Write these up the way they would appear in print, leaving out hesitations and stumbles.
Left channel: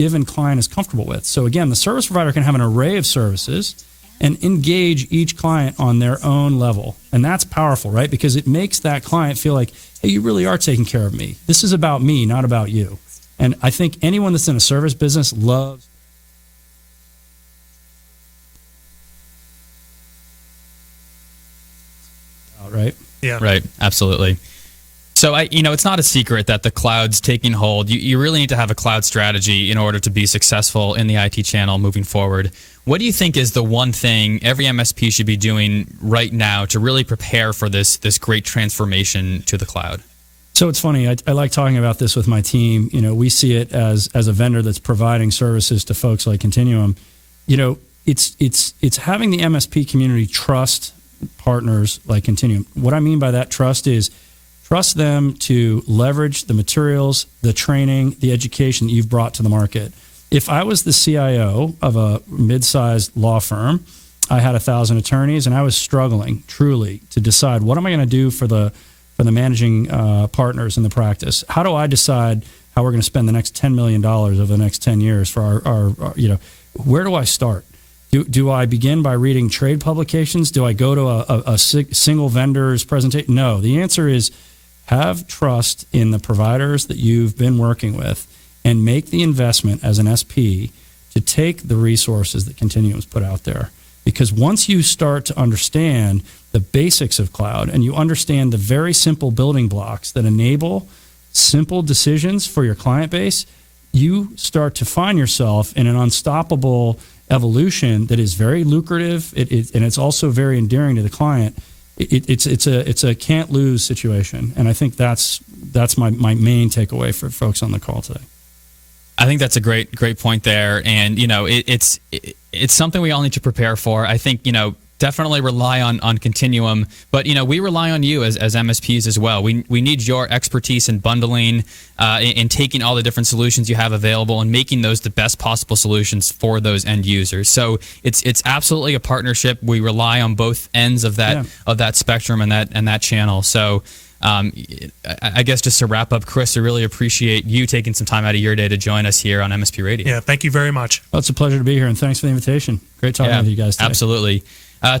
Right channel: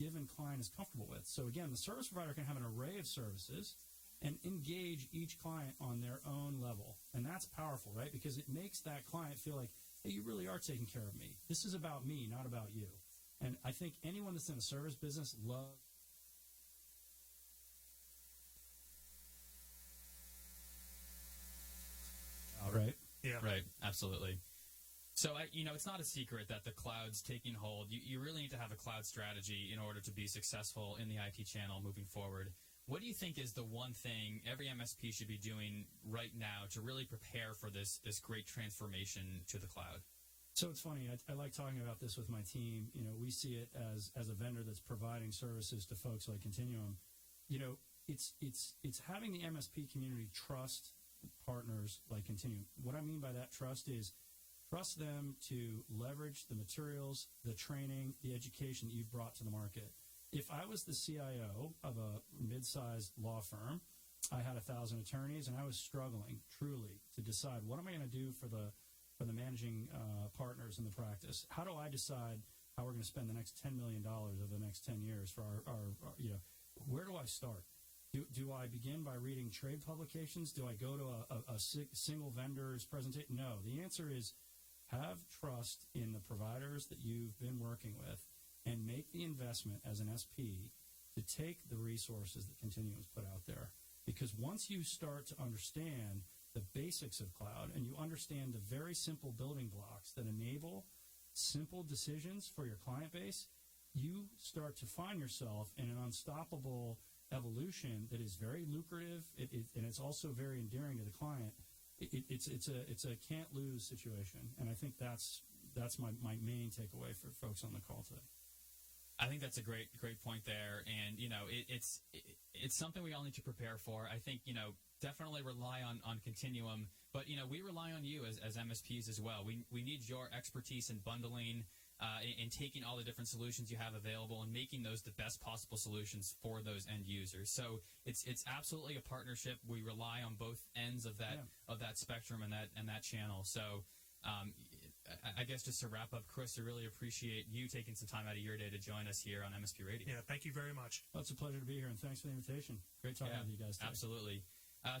given client is comfortable with. So again, the service provider can have an array of services and engage each client on their own level. And that's powerful, right? Because it makes that client feel like, hey, you really are taking care of me. This is about me, not about you. And I think anyone that's in a service business loves. Right? Yeah. Right. Absolutely. So, it's not a secret that the cloud's taking hold. You really need to have a cloud strategy in order to be successful in the IT channel moving forward. What do you think is the one thing every MSP should be doing right now to really prepare for this great transformation to the cloud? So it's funny. I like talking about this with my team. We see it as a vendor that's providing services to folks like Continuum. It's having the MSP community trust partners like Continuum. What I mean by that trust is trust them to leverage the materials, the training, the education that you've brought to the market. If I was the CIO of a mid-sized law firm, I had 1,000 attorneys, and I was struggling truly to decide what am I going to do for the managing partners in the practice. How do I decide how we're going to spend the next $10 million over the next 10 years for our where do I start? Do I begin by reading trade publications? Do I go to a single vendor's presentation? No. The answer is have trust in the providers that you've been working with and make the investment as an SP to take the resources that Continuum's put out there. Because once you start to understand the basics of cloud and you understand the very simple building blocks that enable simple decisions for your client base, you start to find yourself in an unstoppable evolution that is very lucrative, and it's also very endearing to the client. It's a can't lose situation, and I think that's my main takeaway for folks on the call today. I think that's a great point there, and it's something we all need to prepare for. I think definitely rely on Continuum, but we rely on you as MSPs as well. We need your expertise in bundling, in taking all the different solutions you have available and making those the best possible solutions for those end users. So it's absolutely a partnership. We rely on both ends of that spectrum and that channel. So I guess just to wrap up, Chris, I really appreciate you taking some time out of your day to join us here on MSP Radio. Yeah, thank you very much. Well, it's a pleasure to be here, and thanks for the invitation. Great talking with you guys today. Absolutely.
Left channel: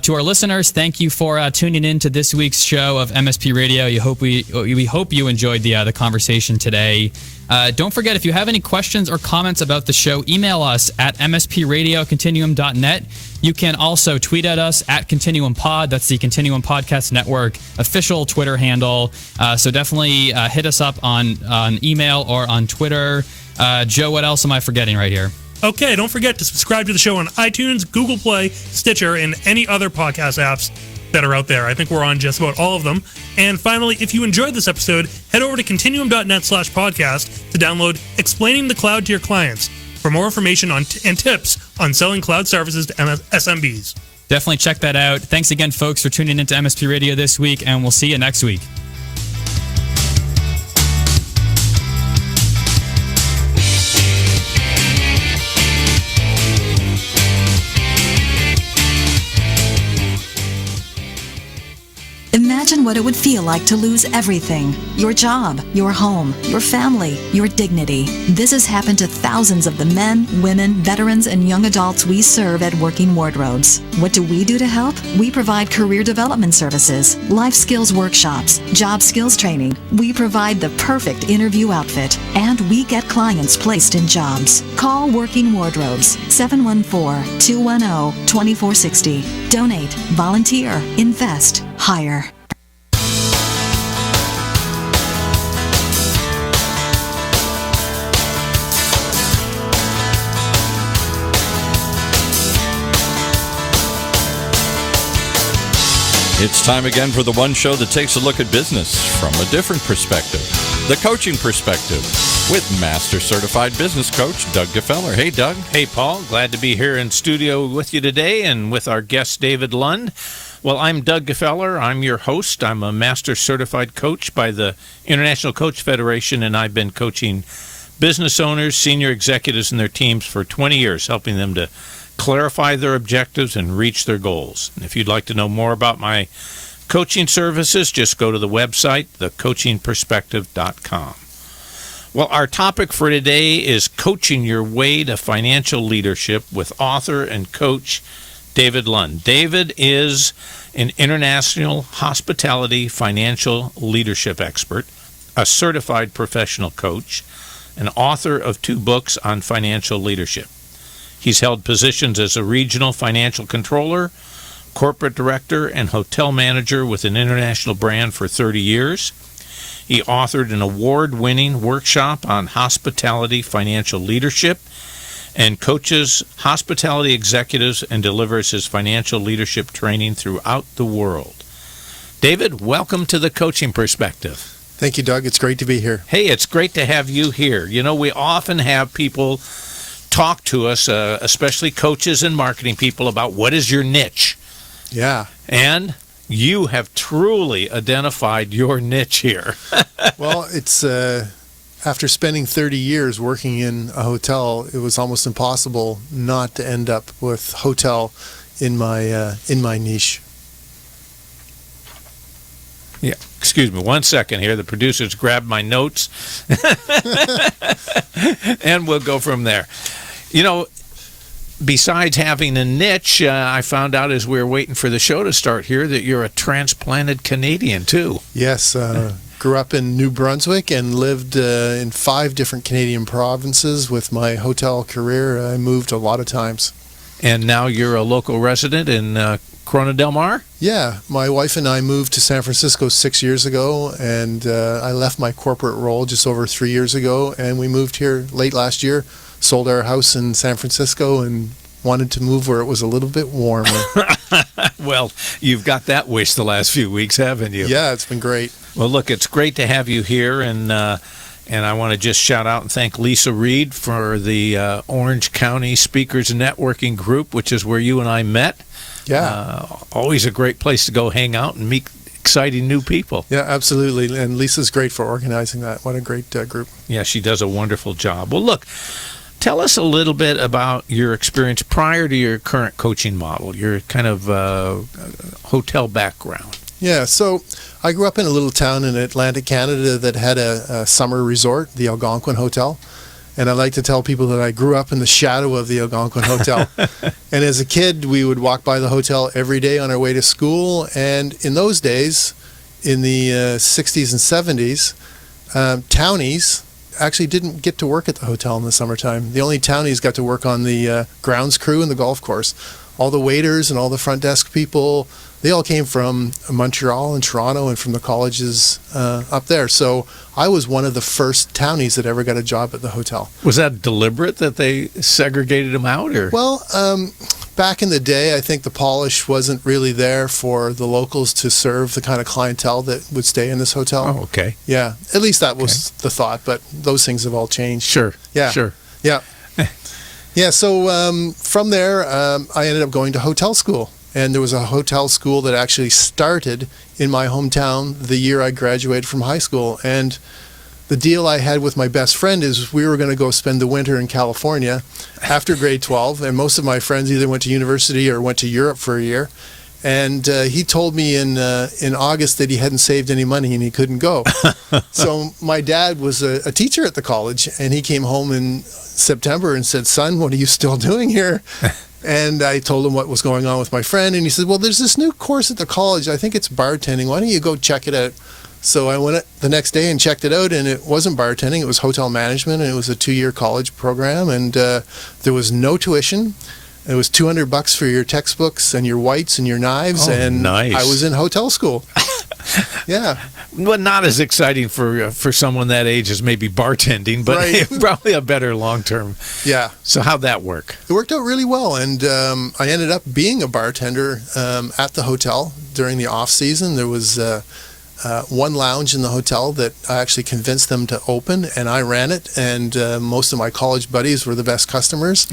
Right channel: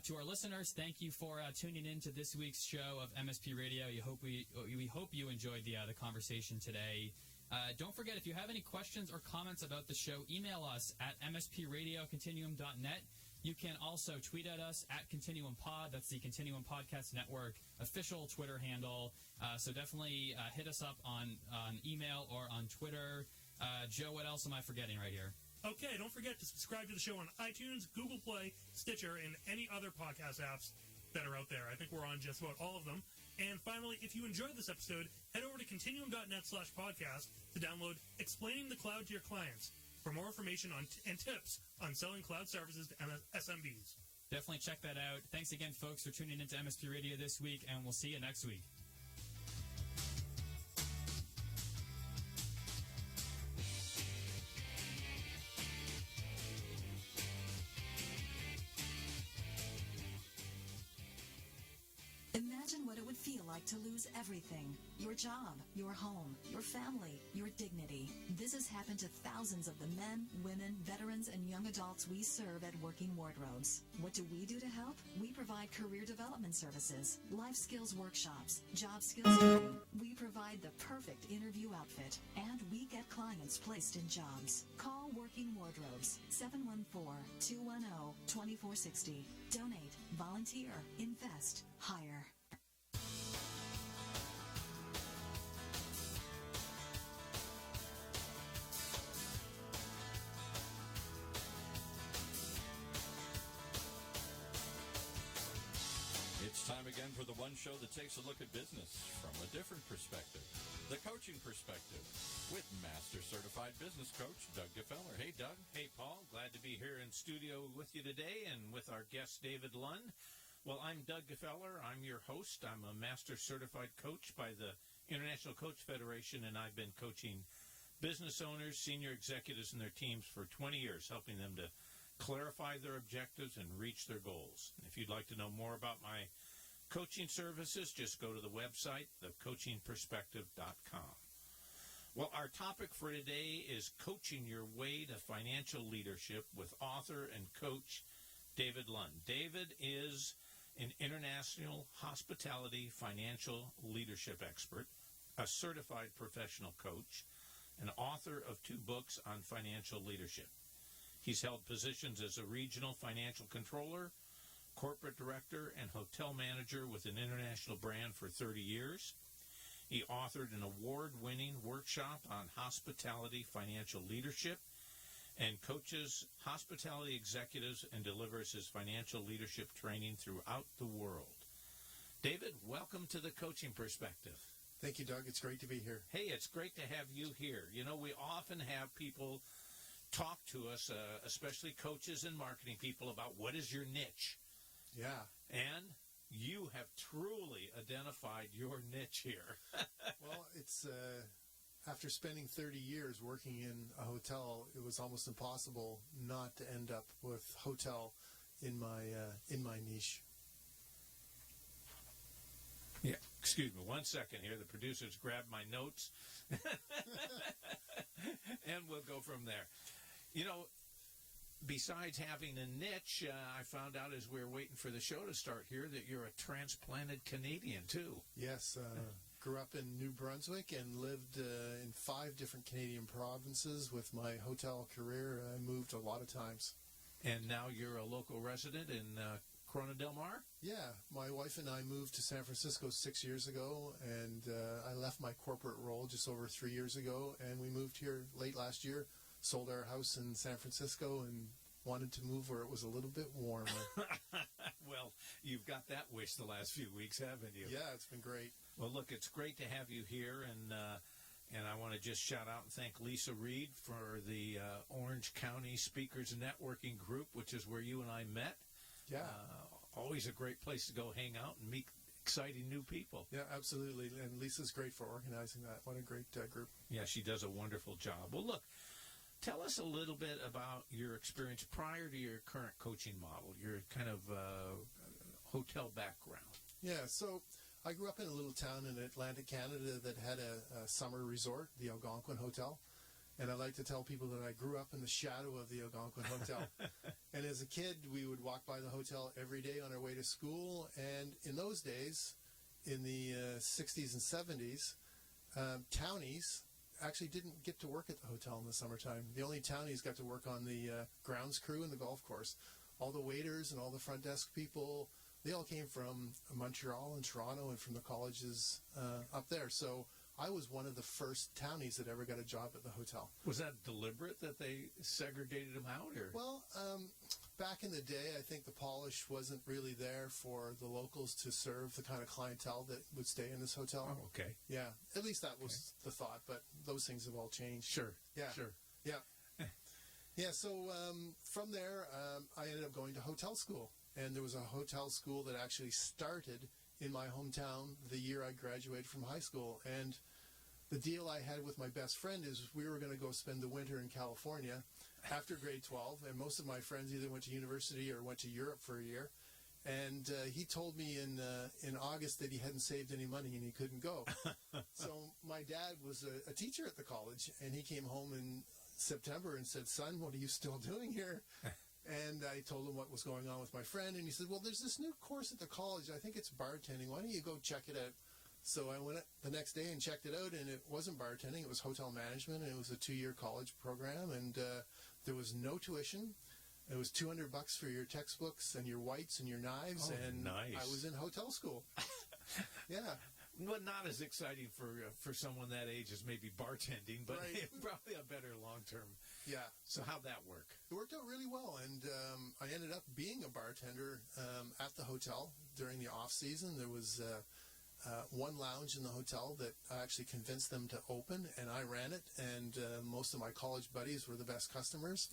To our listeners, thank you for tuning in to this week's show of MSP Radio. We hope you enjoyed the conversation today. Don't forget, if you have any questions or comments about the show, email us at mspradiocontinuum.net. You can also tweet at us at ContinuumPod. That's the Continuum Podcast Network official Twitter handle. So definitely hit us up on email or on Twitter. Joe, what else am I forgetting right here? Okay, don't forget to subscribe to the show on iTunes, Google Play, Stitcher, and any other podcast apps that are out there. I think we're on just about all of them. And finally, if you enjoyed this episode, head over to continuum.net/podcast to download Explaining the Cloud to Your Clients for more information on and tips on selling cloud services to SMBs. Definitely check that out. Thanks again, folks, for tuning into MSP Radio this week, and we'll see you next week. Imagine what it would feel like to lose everything. Your job, your home, your family, your dignity. This has happened to thousands of the men, women, veterans, and young adults we serve at Working Wardrobes. What do we do to help? We provide career development services, life skills workshops, job skills training. We provide the perfect interview outfit, and we get clients placed in jobs. Call Working Wardrobes, 714-210-2460. Donate, volunteer, invest, hire. It's time again for the one show that takes a look at business from a different perspective, the coaching perspective, with Master Certified Business Coach Doug Gfeller. Hey, Doug. Hey, Paul. Glad to be here in studio with you today and with our guest, David Lund. Well, I'm Doug Gfeller. I'm your host. I'm a Master Certified Coach by the International Coach Federation, and I've been coaching business owners, senior executives, and their teams for 20 years, helping them to clarify their objectives and reach their goals. And if you'd like to know more about my coaching services, just go to the website, thecoachingperspective.com. Well, our topic for today is coaching your way to financial leadership with author and coach David Lund. David is an international hospitality financial leadership expert, a certified professional coach, an author of 2 books on financial leadership. He's held positions as a regional financial controller, corporate director, and hotel manager with an international brand for 30 years. He authored an award-winning workshop on hospitality financial leadership and coaches hospitality executives and delivers his financial leadership training throughout the world. David, welcome to the Coaching Perspective. Thank you, Doug. It's great to be here. Hey, it's great to have you here. You know, we often have people talk to us, especially coaches and marketing people, about what is your niche. Yeah. And you have truly identified your niche here. Well, it's after spending 30 years working in a hotel, it was almost impossible not to end up with hotel in my niche. Yeah. Excuse me 1 second here. The producers grabbed my notes. And we'll go from there. You know, besides having a niche, I found out as we were waiting for the show to start here that you're a transplanted Canadian, too. Yes. Grew up in New Brunswick and lived in 5 different Canadian provinces with my hotel career. I moved a lot of times. And now you're a local resident in Corona Del Mar? Yeah. My wife and I moved to San Francisco 6 years ago, and I left my corporate role just over 3 years ago, and we moved here late last year. Sold our house in San Francisco and wanted to move where it was a little bit warmer. Well, you've got that wish the last few weeks, haven't you? Yeah, it's been great. Well, look, it's great to have you here, and I want to just shout out and thank Lisa Reed for the Orange County Speakers Networking Group, which is where you and I met. Yeah. Always a great place to go hang out and meet exciting new people. Yeah, absolutely. And Lisa's great for organizing that. What a great group. Yeah, she does a wonderful job. Well, look, tell us a little bit about your experience prior to your current coaching model, your kind of hotel background. Yeah, so I grew up in a little town in Atlantic Canada that had a summer resort, the Algonquin Hotel. And I like to tell people that I grew up in the shadow of the Algonquin Hotel. And as a kid, we would walk by the hotel every day on our way to school. And in those days, in the 60s and 70s, townies actually didn't get to work at the hotel in the summertime. The only townies got to work on the grounds crew and the golf course. All the waiters and all the front desk people, they all came from Montreal and Toronto and from the colleges up there. So I was one of the first townies that ever got a job at the hotel. Was that deliberate that they segregated them out? Or? Well, back in the day, I think the polish wasn't really there for the locals to serve the kind of clientele that would stay in this hotel. Oh, okay. Yeah, at least that was the thought, but those things have all changed. Sure. Yeah. Sure. Yeah. Yeah, so from there, I ended up going to hotel school. And there was a hotel school that actually started in my hometown the year I graduated from high school. And the deal I had with my best friend is we were going to go spend the winter in California after grade 12. And most of my friends either went to university or went to Europe for a year. And he told me in August that he hadn't saved any money and he couldn't go. So my dad was a teacher at the college, and he came home in September and said, "Son, what are you still doing here?" And I told him what was going on with my friend, and he said, "Well, there's this new course at the college. I think it's bartending. Why don't you go check it out?" So I went the next day and checked it out, and it wasn't bartending. It was hotel management, and it was a 2-year college program, and there was no tuition. It was $200 for your textbooks and your whites and your knives, and nice. I was in hotel school. Yeah. Well, not as exciting for someone that age as maybe bartending, but Right. probably a better long-term. Yeah. So how'd that work? It worked out really well, and I ended up being a bartender at the hotel during the off-season. There was one lounge in the hotel that I actually convinced them to open, and I ran it, and most of my college buddies were the best customers.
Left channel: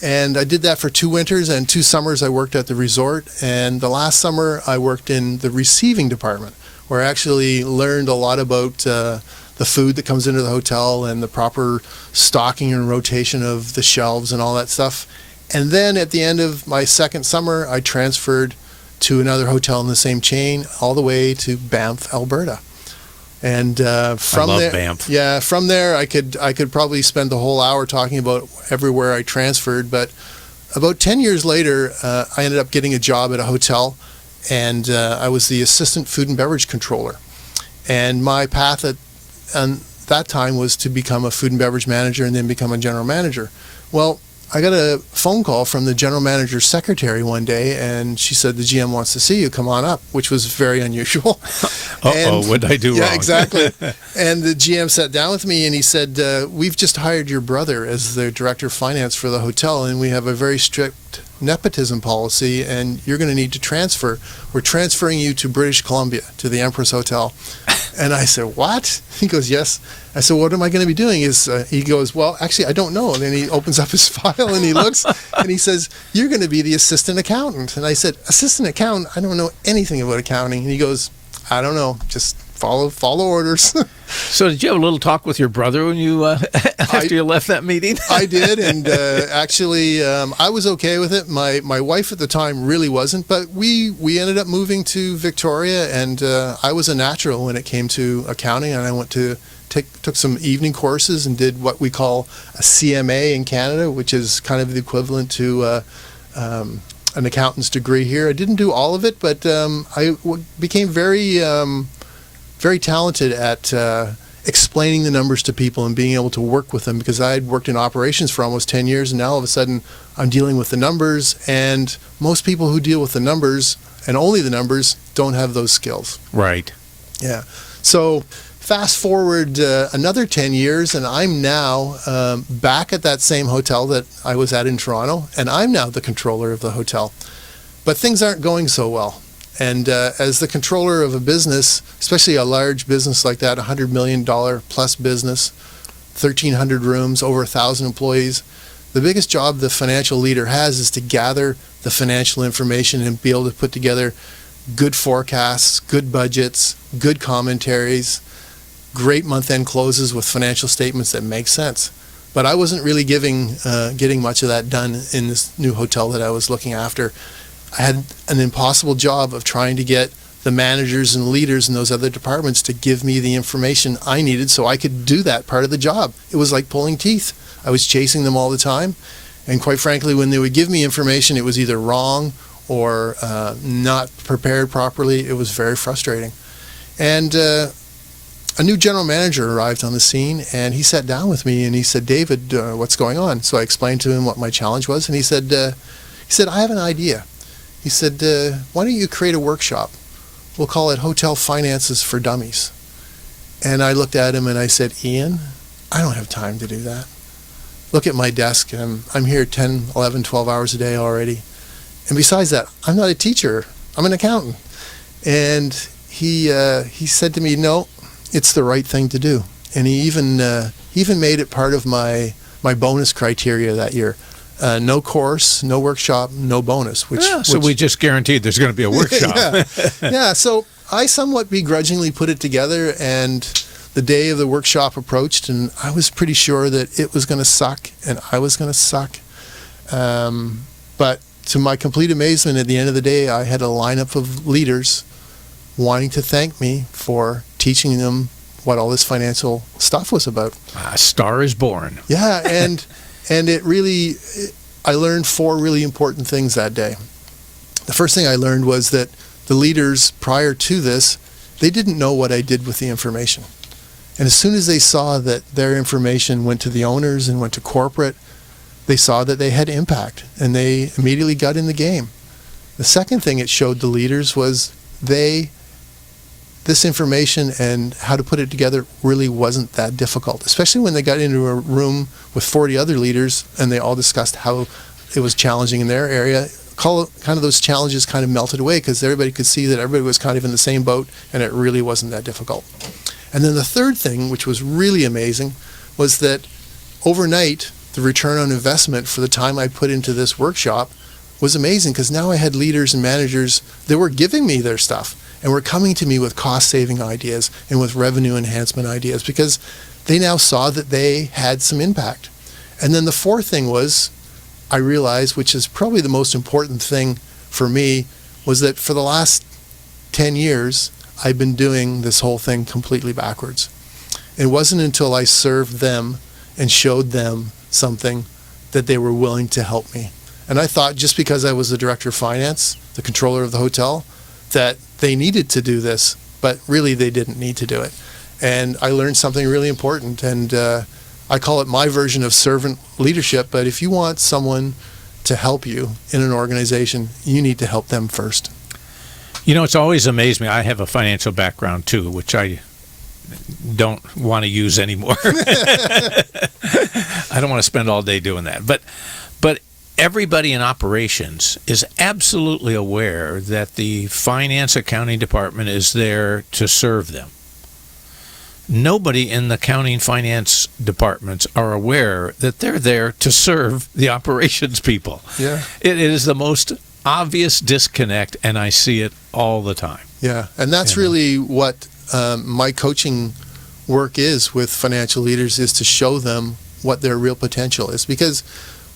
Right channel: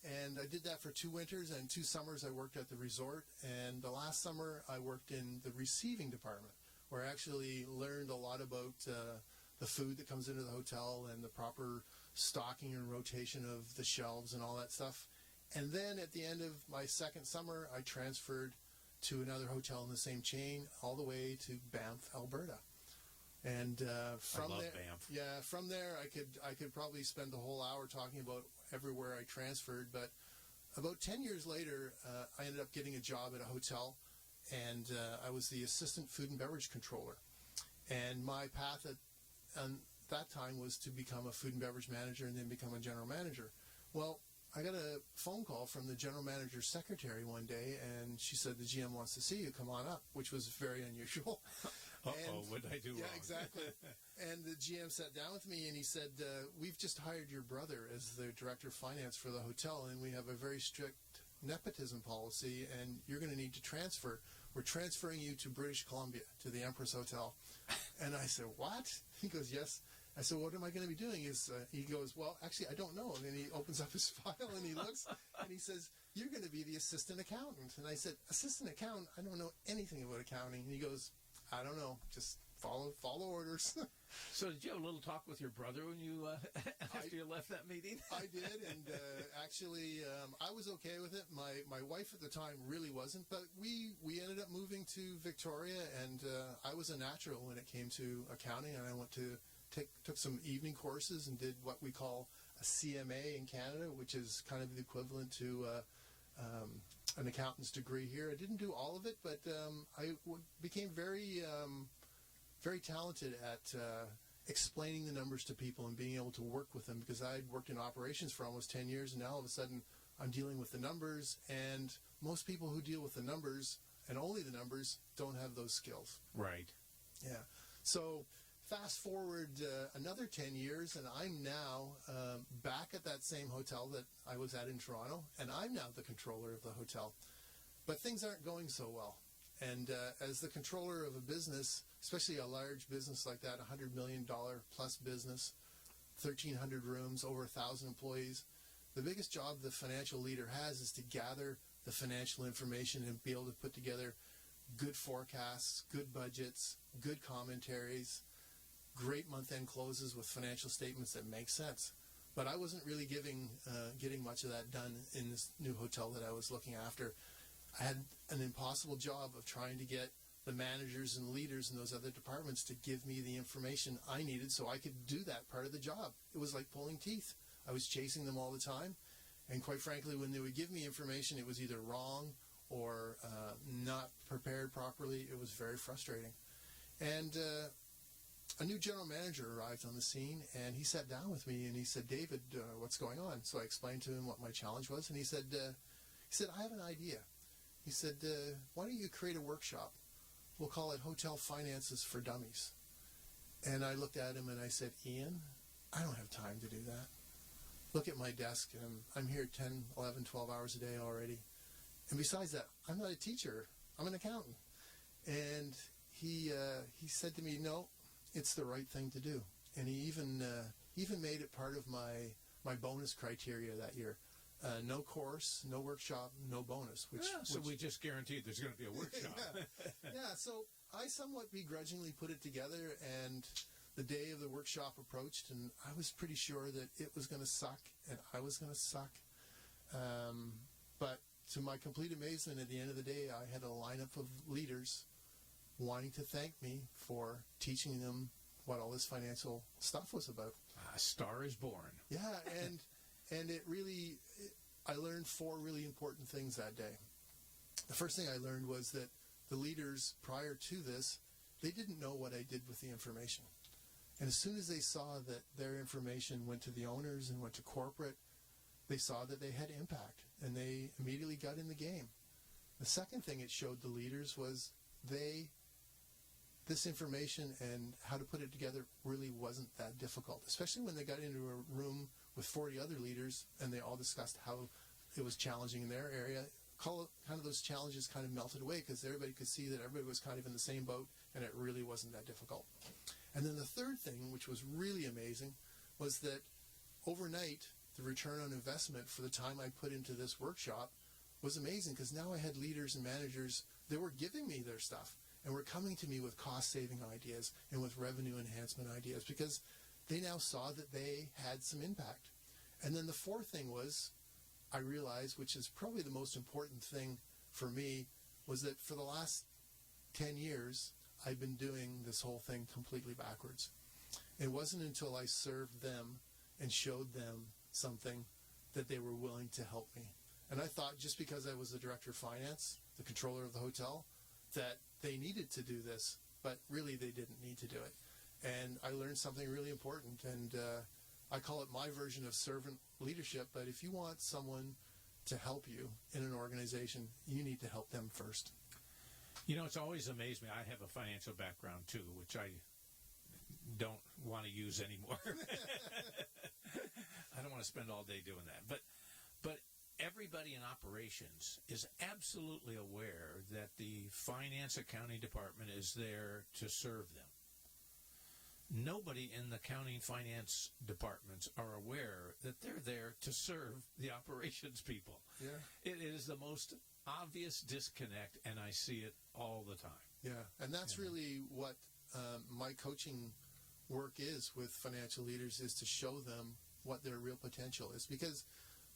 And I did that for 2 winters, and 2 summers I worked at the resort, and the last summer I worked in the receiving department, where I actually learned a lot about the food that comes into the hotel and the proper stocking and rotation of the shelves and all that stuff. And then at the end of my second summer, I transferred to another hotel in the same chain all the way to Banff, Alberta. And from I love there, Banff. yeah, from there I could probably spend the whole hour talking about everywhere I transferred. But about 10 years later, I ended up getting a job at a hotel, and I was the assistant food and beverage controller. And my path at that time was to become a food and beverage manager and then become a general manager. Well, I got a phone call from the general manager's secretary one day, and she said, the GM wants to see you, come on up, which was very unusual. What did I do wrong? Yeah, exactly. And the GM sat down with me and he said, we've just hired your brother as the director of finance for the hotel, and we have a very strict nepotism policy, and you're going to need to transfer. We're transferring you to British Columbia, to the Empress Hotel. And I said, what? He goes, yes. I said, what am I going to be doing? He goes, well, actually, I don't know. And then he opens up his file and he looks and he says, you're going to be the assistant accountant. And I said, assistant accountant? I don't know anything about accounting. And he goes, I don't know. Just follow orders. So did you have a little talk with your brother when you after you left that meeting? I did, and actually, I was okay with it. My wife at the time really wasn't, but we ended up moving to Victoria, and I was a natural when it came to accounting, and I went to took some evening courses and did what we call a CMA in Canada, which is kind of the equivalent to an accountant's degree here. I didn't do all of it, but I became very talented at explaining the numbers to people and being able to work with them, because I had worked in operations for almost 10 years, and now all of a sudden I'm dealing with the numbers, and most people who deal with the numbers and only the numbers don't have those skills. Right. Yeah. So fast forward another 10 years, and I'm now back at that same hotel that I was at in Toronto, and I'm now the controller of the hotel. But things aren't going so well. And as the controller of a business, especially a large business like that, $100 million plus business, 1,300 rooms, over 1,000 employees, the biggest job the financial leader has is to gather the financial information and be able to put together good forecasts, good budgets, good commentaries, great month-end closes with financial statements that make sense. But I wasn't really getting much of that done in this new hotel that I was looking after. I had an impossible job of trying to get the managers and leaders in those other departments to give me the information I needed so I could do that part of the job. It was like pulling teeth. I was chasing them all the time. And quite frankly, when they would give me information, it was either wrong or not prepared properly. It was very frustrating. And a new general manager arrived on the scene, and he sat down with me and he said, David, what's going on? So I explained to him what my challenge was, and he said, I have an idea. He said, why don't you create a workshop? We'll call it Hotel Finances for Dummies. And I looked at him and I said, Ian, I don't have time to do that. Look at my desk. I'm here 10, 11, 12 hours a day already. And besides that, I'm not a teacher. I'm an accountant. And he said to me, no, it's the right thing to do. And he even made it part of my bonus criteria that year. No course, no workshop, no bonus. So we just guaranteed there's going to be a workshop. Yeah, so I somewhat begrudgingly put it together, and the day of the workshop approached, and I was pretty sure that it was going to suck, and I was going to suck. But to my complete amazement, at the end of the day, I had a lineup of leaders wanting to thank me for teaching them what all this financial stuff was about. A star is born. Yeah, and it really, I learned 4 really important things that day. The first thing I learned was that the leaders prior to this, they didn't know what I did with the information. And as soon as they saw that their information went to the owners and went to corporate, they saw that they had impact, and they immediately got in the game. The second thing it showed the leaders was this information and how to put it together really wasn't that difficult, especially when they got into a room with 40 other leaders and they all discussed how it was challenging in their area. Kind of those challenges kind of melted away because everybody could see that everybody was kind of in the same boat, and it really wasn't that difficult. And then the third thing, which was really amazing, was that overnight, the return on investment for the time I put into this workshop was amazing, because now I had leaders and managers that were giving me their stuff and were coming to me with cost-saving ideas and with revenue enhancement ideas, because they now saw that they had some impact. And then the fourth thing was, I realized, which is probably the most important thing for me, was that for the last 10 years, I've been doing this whole thing completely backwards. It wasn't until I served them and showed them something that they were willing to help me. And I thought just because I was the director of finance, the controller of the hotel, that they needed to do this, but really they didn't need to do it. And I learned something really important, and I call it my version of servant leadership. But if you want someone to help you in an organization, you need to help them first. You know, it's always amazed me. I have a financial background too, which I don't want to use anymore. I don't want to spend all day doing that. But everybody in operations is absolutely aware that the finance accounting department is there to serve them. Nobody in the accounting finance departments are aware that they're there to serve the operations people. Yeah. It is the most obvious disconnect, and I see it all the time. Yeah, and that's really what my coaching work is with financial leaders, is to show them what their real potential is. Because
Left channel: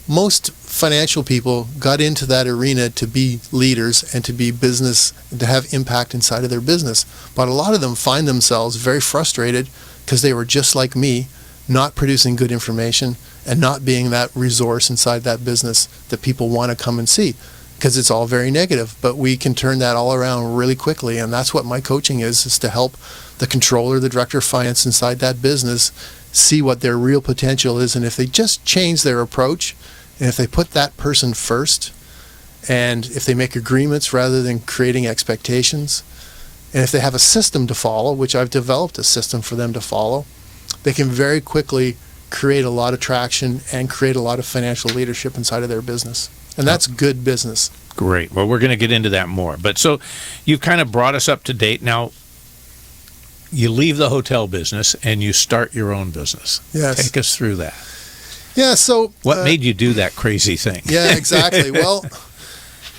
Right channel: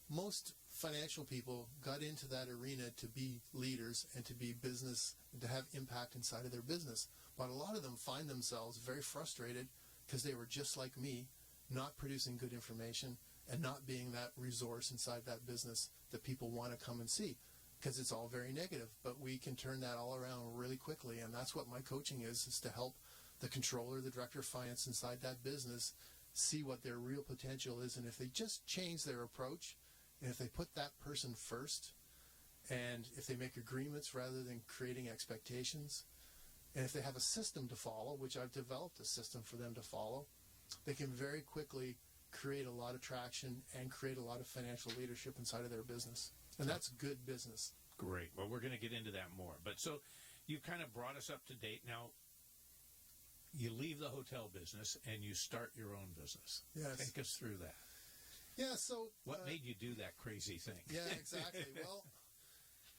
most financial people got into that arena to be leaders and to be business, to have impact inside of their business. But a lot of them find themselves very frustrated because they were just like me, not producing good information and not being that resource inside that business that people want to come and see, because it's all very negative. But we can turn that all around really quickly, and that's what my coaching is to help the controller, the director of finance inside that business see what their real potential is. And if they just change their approach, and if they put that person first, and if they make agreements rather than creating expectations, and if they have a system to follow, which I've developed a system for them to follow, they can very quickly create a lot of traction and create a lot of financial leadership inside of their business. And that's good business. Great. Well, we're going to get into that more. But so you've kind of brought us up to date. Now, you leave the hotel business and you start your own business. Yes. Take us through that. Yeah, so... What made you do that crazy thing? Yeah, exactly. Well,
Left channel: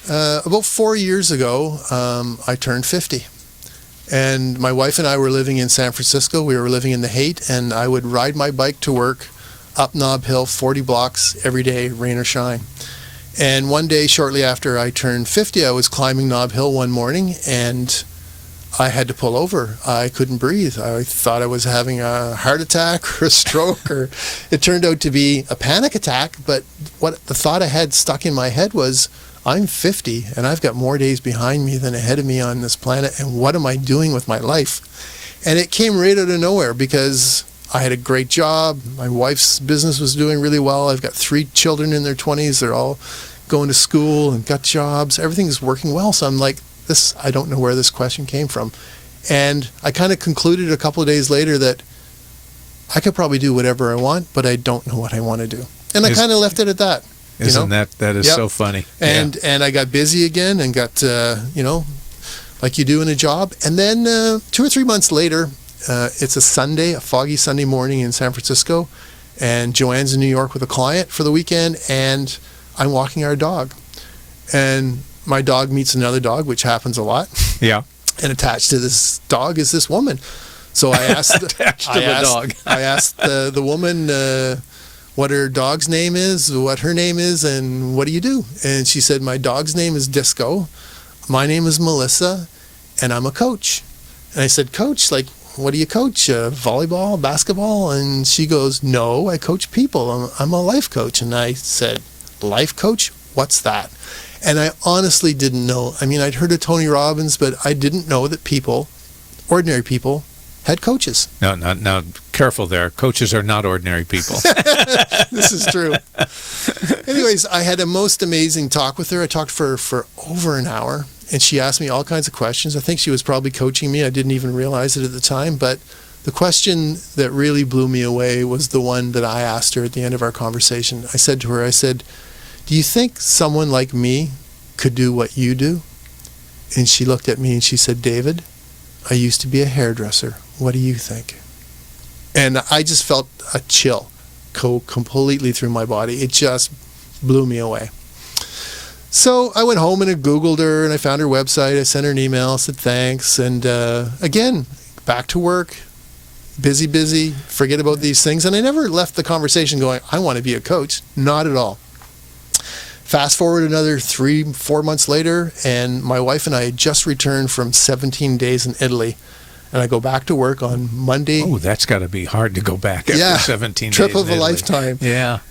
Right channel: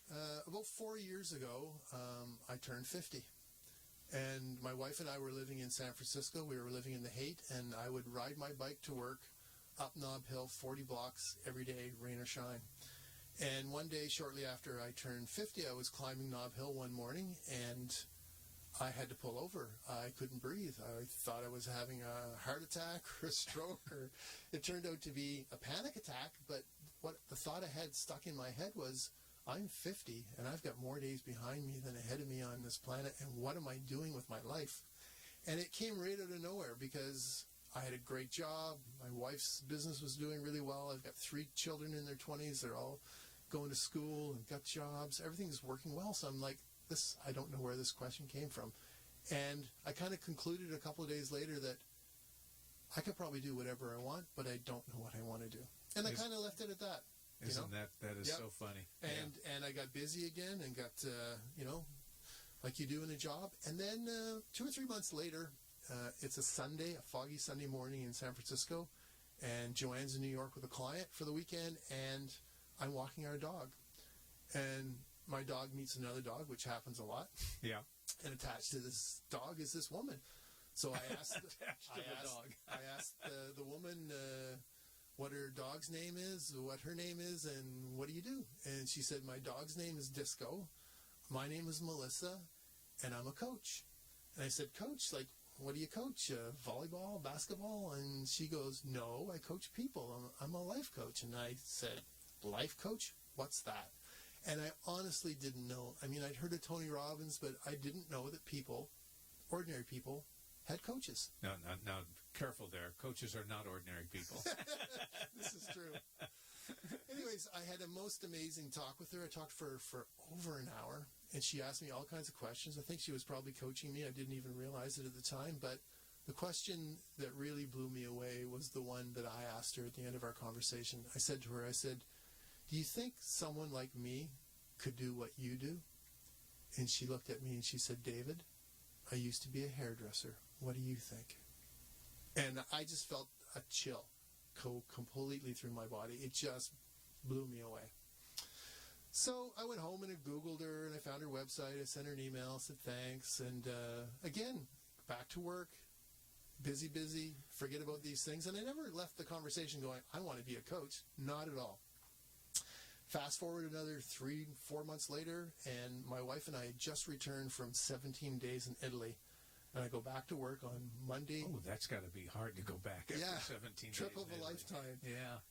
about 4 years ago, I turned 50. And my wife and I were living in San Francisco. We were living in the Haight, and I would ride my bike to work up Nob Hill, 40 blocks every day, rain or shine. And one day, shortly after I turned 50, I was climbing Nob Hill one morning, and I had to pull over. I couldn't breathe. I thought I was having a heart attack or a stroke, or it turned out to be a panic attack. But what the thought I had stuck in my head was, I'm 50 and I've got more days behind me than ahead of me on this planet, and what am I doing with my life? And it came right out of nowhere, because I had a great job. My wife's business was doing really well. I've got 3 children in their 20s. They're all going to school and got jobs. Everything's working well. So I'm like, I don't know where this question came from. And I kind of concluded a couple of days later that I could probably do whatever I want, but I don't know what I want to do. And I kind of left it at that. Isn't that is so funny? And I got busy again and got, like you do in a job. And then 2 or 3 months later, it's a Sunday, a foggy Sunday morning in San Francisco, and Joanne's in New York with a client for the weekend, and I'm walking our dog. And my dog meets another dog, which happens a lot. Yeah. And attached to this dog is this woman. So I asked, I asked the woman what her dog's name is, what her name is, and what do you do? And she said, my dog's name is Disco. My name is Melissa, and I'm a coach. And I said, coach, like, what do you coach? Volleyball, basketball? And she goes, no, I coach people. I'm a life coach. And I said, life coach? What's that? And I honestly didn't know. I mean, I'd heard of Tony Robbins, but I didn't know that people, ordinary people, had coaches. No, careful there. Coaches are not ordinary people. This is true. Anyways, I had a most amazing talk with her. I talked for over an hour, and she asked me all kinds of questions. I think she was probably coaching me. I didn't even realize it at the time, but the question that really blew me away was the one that I asked her at the end of our conversation. I said to her, do you think someone like me could do what you do? And she looked at me and she said, David, I used to be a hairdresser. What do you think? And I just felt a chill go completely through my body. It just blew me away. So I went home and I Googled her and I found her website. I sent her an email, said thanks. And again, back to work, busy, forget about these things. And I never left the conversation going, I want to be a coach. Not at all. Fast forward another 3-4 months later, and my wife and I had just returned from 17 days in Italy. And I go back to work on Monday. Oh, that's got to be hard to go back after 17 days. Trip of in a Italy. lifetime. Yeah.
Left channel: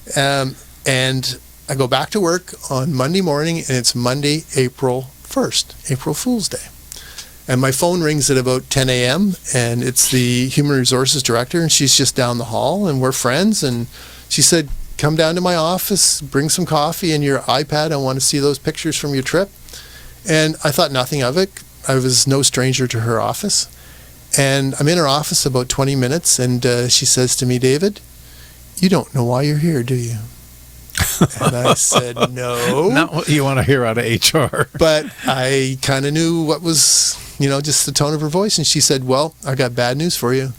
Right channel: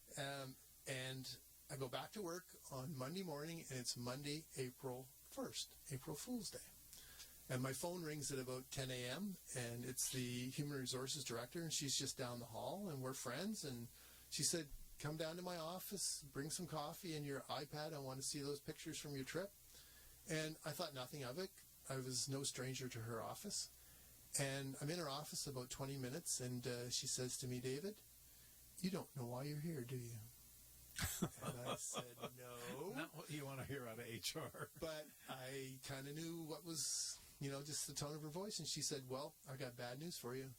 And I go back to work on Monday morning, and it's Monday, April 1st, April Fool's Day. And my phone rings at about 10 a.m., and it's the Human Resources Director, and she's just down the hall, and we're friends. And she said, come down to my office, bring some coffee and your iPad. I want to see those pictures from your trip. And I thought nothing of it. I was no stranger to her office. And I'm in her office about 20 minutes, and she says to me, David, you don't know why you're here, do you? And I said, no. Not what you want to hear out of HR. But I kind of knew what was, just the tone of her voice. And she said, well, I got bad news for you.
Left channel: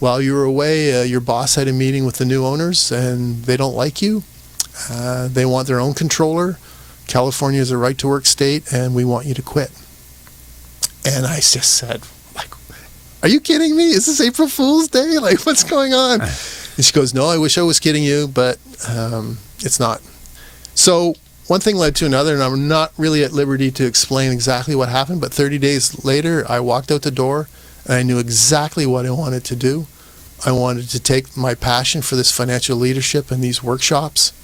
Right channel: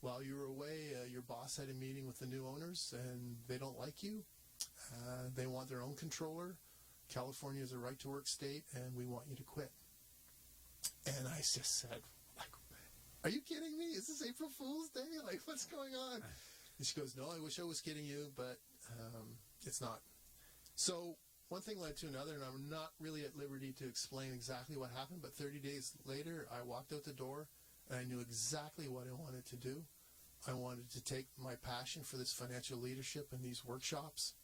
While you were away, your boss had a meeting with the new owners, and they don't like you. They want their own controller. California is a right-to-work state, and we want you to quit. And I just said, are you kidding me? Is this April Fool's Day? What's going on? And she goes, no, I wish I was kidding you, but it's not. So one thing led to another, and I'm not really at liberty to explain exactly what happened, but 30 days later, I walked out the door, and I knew exactly what I wanted to do. I wanted to take my passion for this financial leadership and these workshops,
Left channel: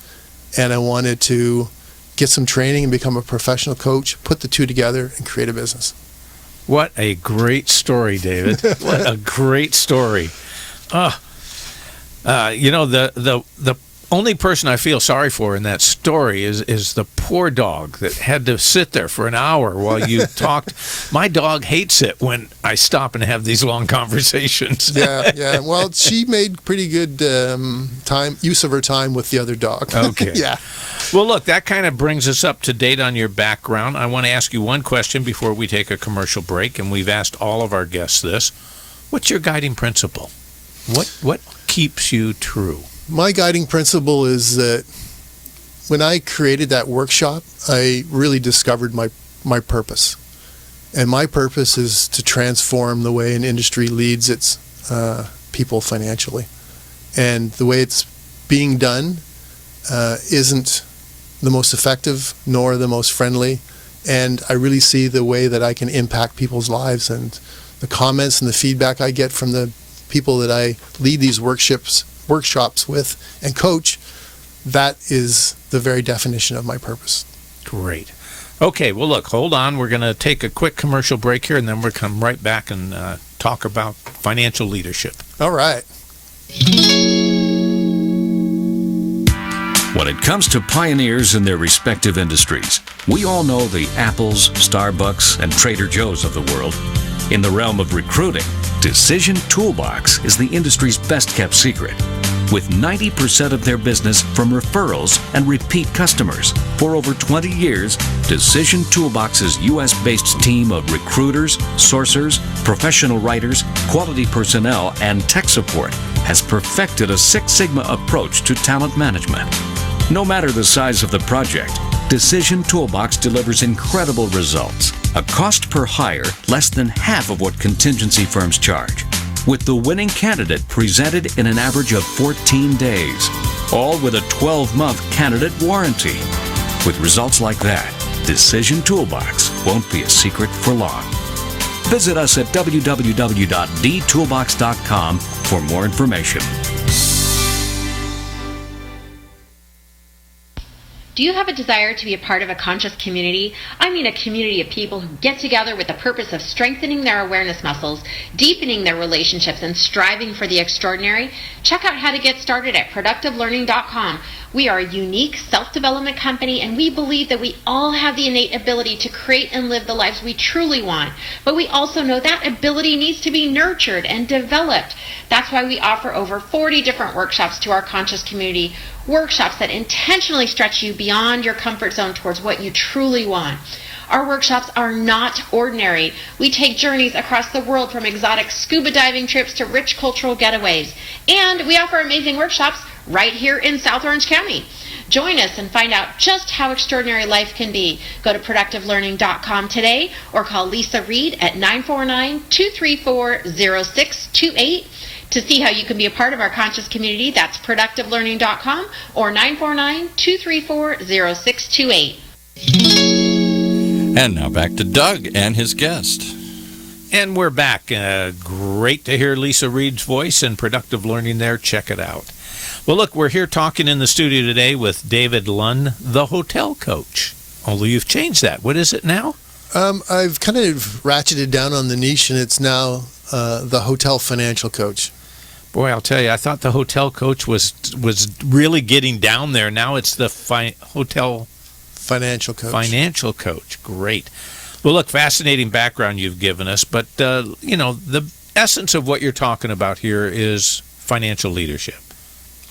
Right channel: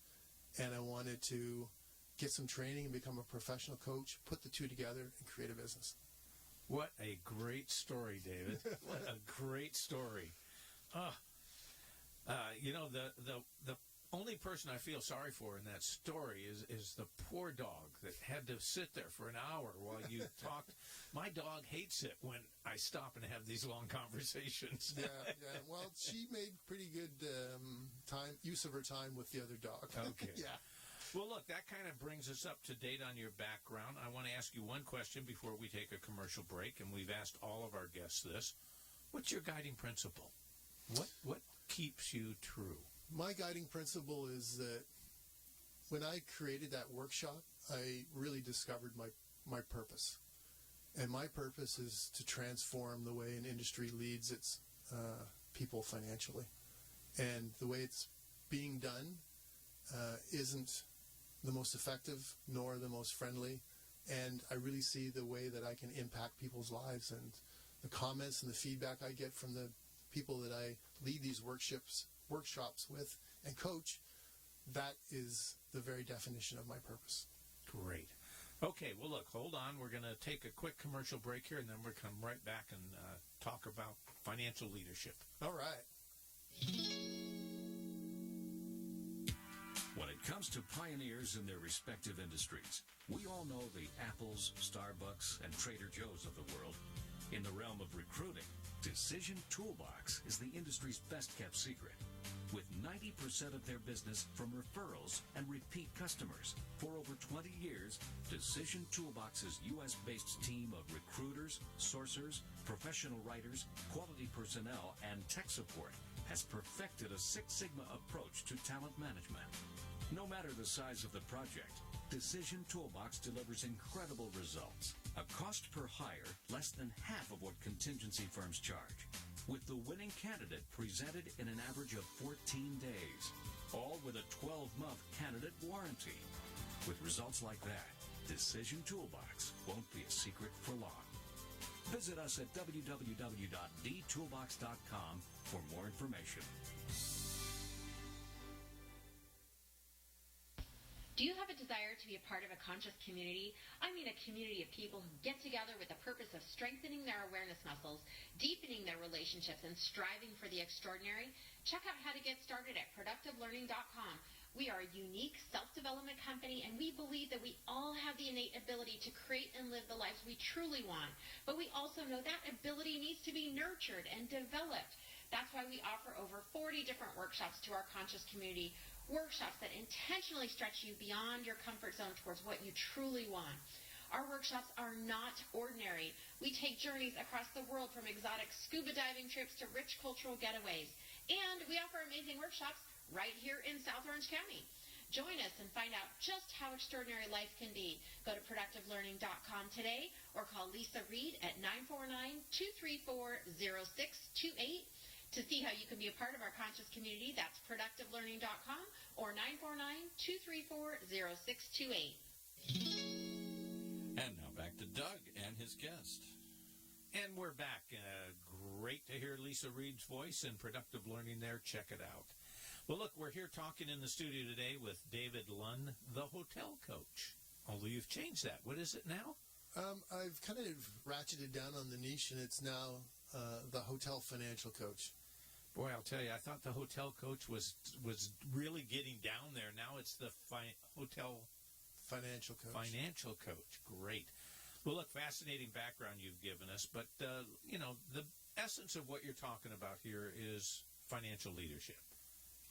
and I wanted to get some training and become a professional coach, put the two together, and create a business. What a great story, David. What a great story. The only person I feel sorry for in that story is the poor dog that had to sit there for an hour while you talked. My dog hates it when I stop and have these long conversations. Yeah. Well, she made pretty good use of her time with the other dog. Okay. Yeah. Well, look, that kind of brings us up to date on your background. I want to ask you one question before we take a commercial break, and we've asked all of our guests this. What's your guiding principle? What keeps you true? My guiding principle is that when I created that workshop, I really discovered my purpose. And my purpose is to transform the way an industry leads its people financially. And the way it's being done isn't the most effective nor the most friendly. And I really see the way that I can impact people's lives, and the comments and the feedback I get from the people that I lead these workshops with and coach, that is the very definition of my purpose. Great. Okay, well, look, hold on. We're going to take a quick commercial break here, and then we'll come right back and talk about financial leadership. All right. When it comes to pioneers in their respective industries, we all know the Apples, Starbucks, and Trader Joe's of the world. In the realm of recruiting, Decision Toolbox is the industry's best-kept secret. With 90% of their business from referrals and repeat customers. For over 20 years, Decision Toolbox's U.S.-based team of recruiters, sourcers, professional writers, quality personnel, and tech support has perfected a Six Sigma approach to talent management. No matter the size of the project, Decision Toolbox delivers incredible results. A cost per hire less than half of what contingency firms charge, with the winning candidate presented in an average of 14 days, all with a 12-month candidate warranty. With results like that, Decision Toolbox won't be a secret for long. Visit us at www.dtoolbox.com for more information. Do you have a desire to be a part of a conscious community? I mean a community of people who get together with the purpose of strengthening their awareness muscles, deepening their relationships, and striving for the extraordinary? Check out how to get started at productivelearning.com. We are a unique self-development company, and we believe that we all have the innate ability to create and live the lives we truly want. But we also know that ability needs to be nurtured and developed. That's why we offer over 40 different workshops to our conscious community, workshops that intentionally stretch you beyond your comfort zone towards what you truly want. Our workshops are not ordinary. We take journeys across the world, from exotic scuba diving trips to rich cultural getaways. And we offer amazing workshops right here in South Orange County. Join us and find out just how extraordinary life can be. Go to productivelearning.com today or call Lisa Reed at 949-234-0628. To see how you can be a part of our conscious community, that's productivelearning.com or 949-234-0628. And now back to Doug and his guest. And we're back. Great to hear Lisa Reed's voice and Productive Learning there. Check it out. Well, look, we're here talking in the studio today with David Lunn, the hotel coach. Although you've changed that. What is it now? I've kind of ratcheted down on the niche, and it's now the hotel financial coach. Boy, I'll tell you, I thought the hotel coach was really getting down there. Now it's the hotel financial coach. Financial coach. Great. Well, look, fascinating background you've given us, but, the essence of what you're talking about here is financial leadership.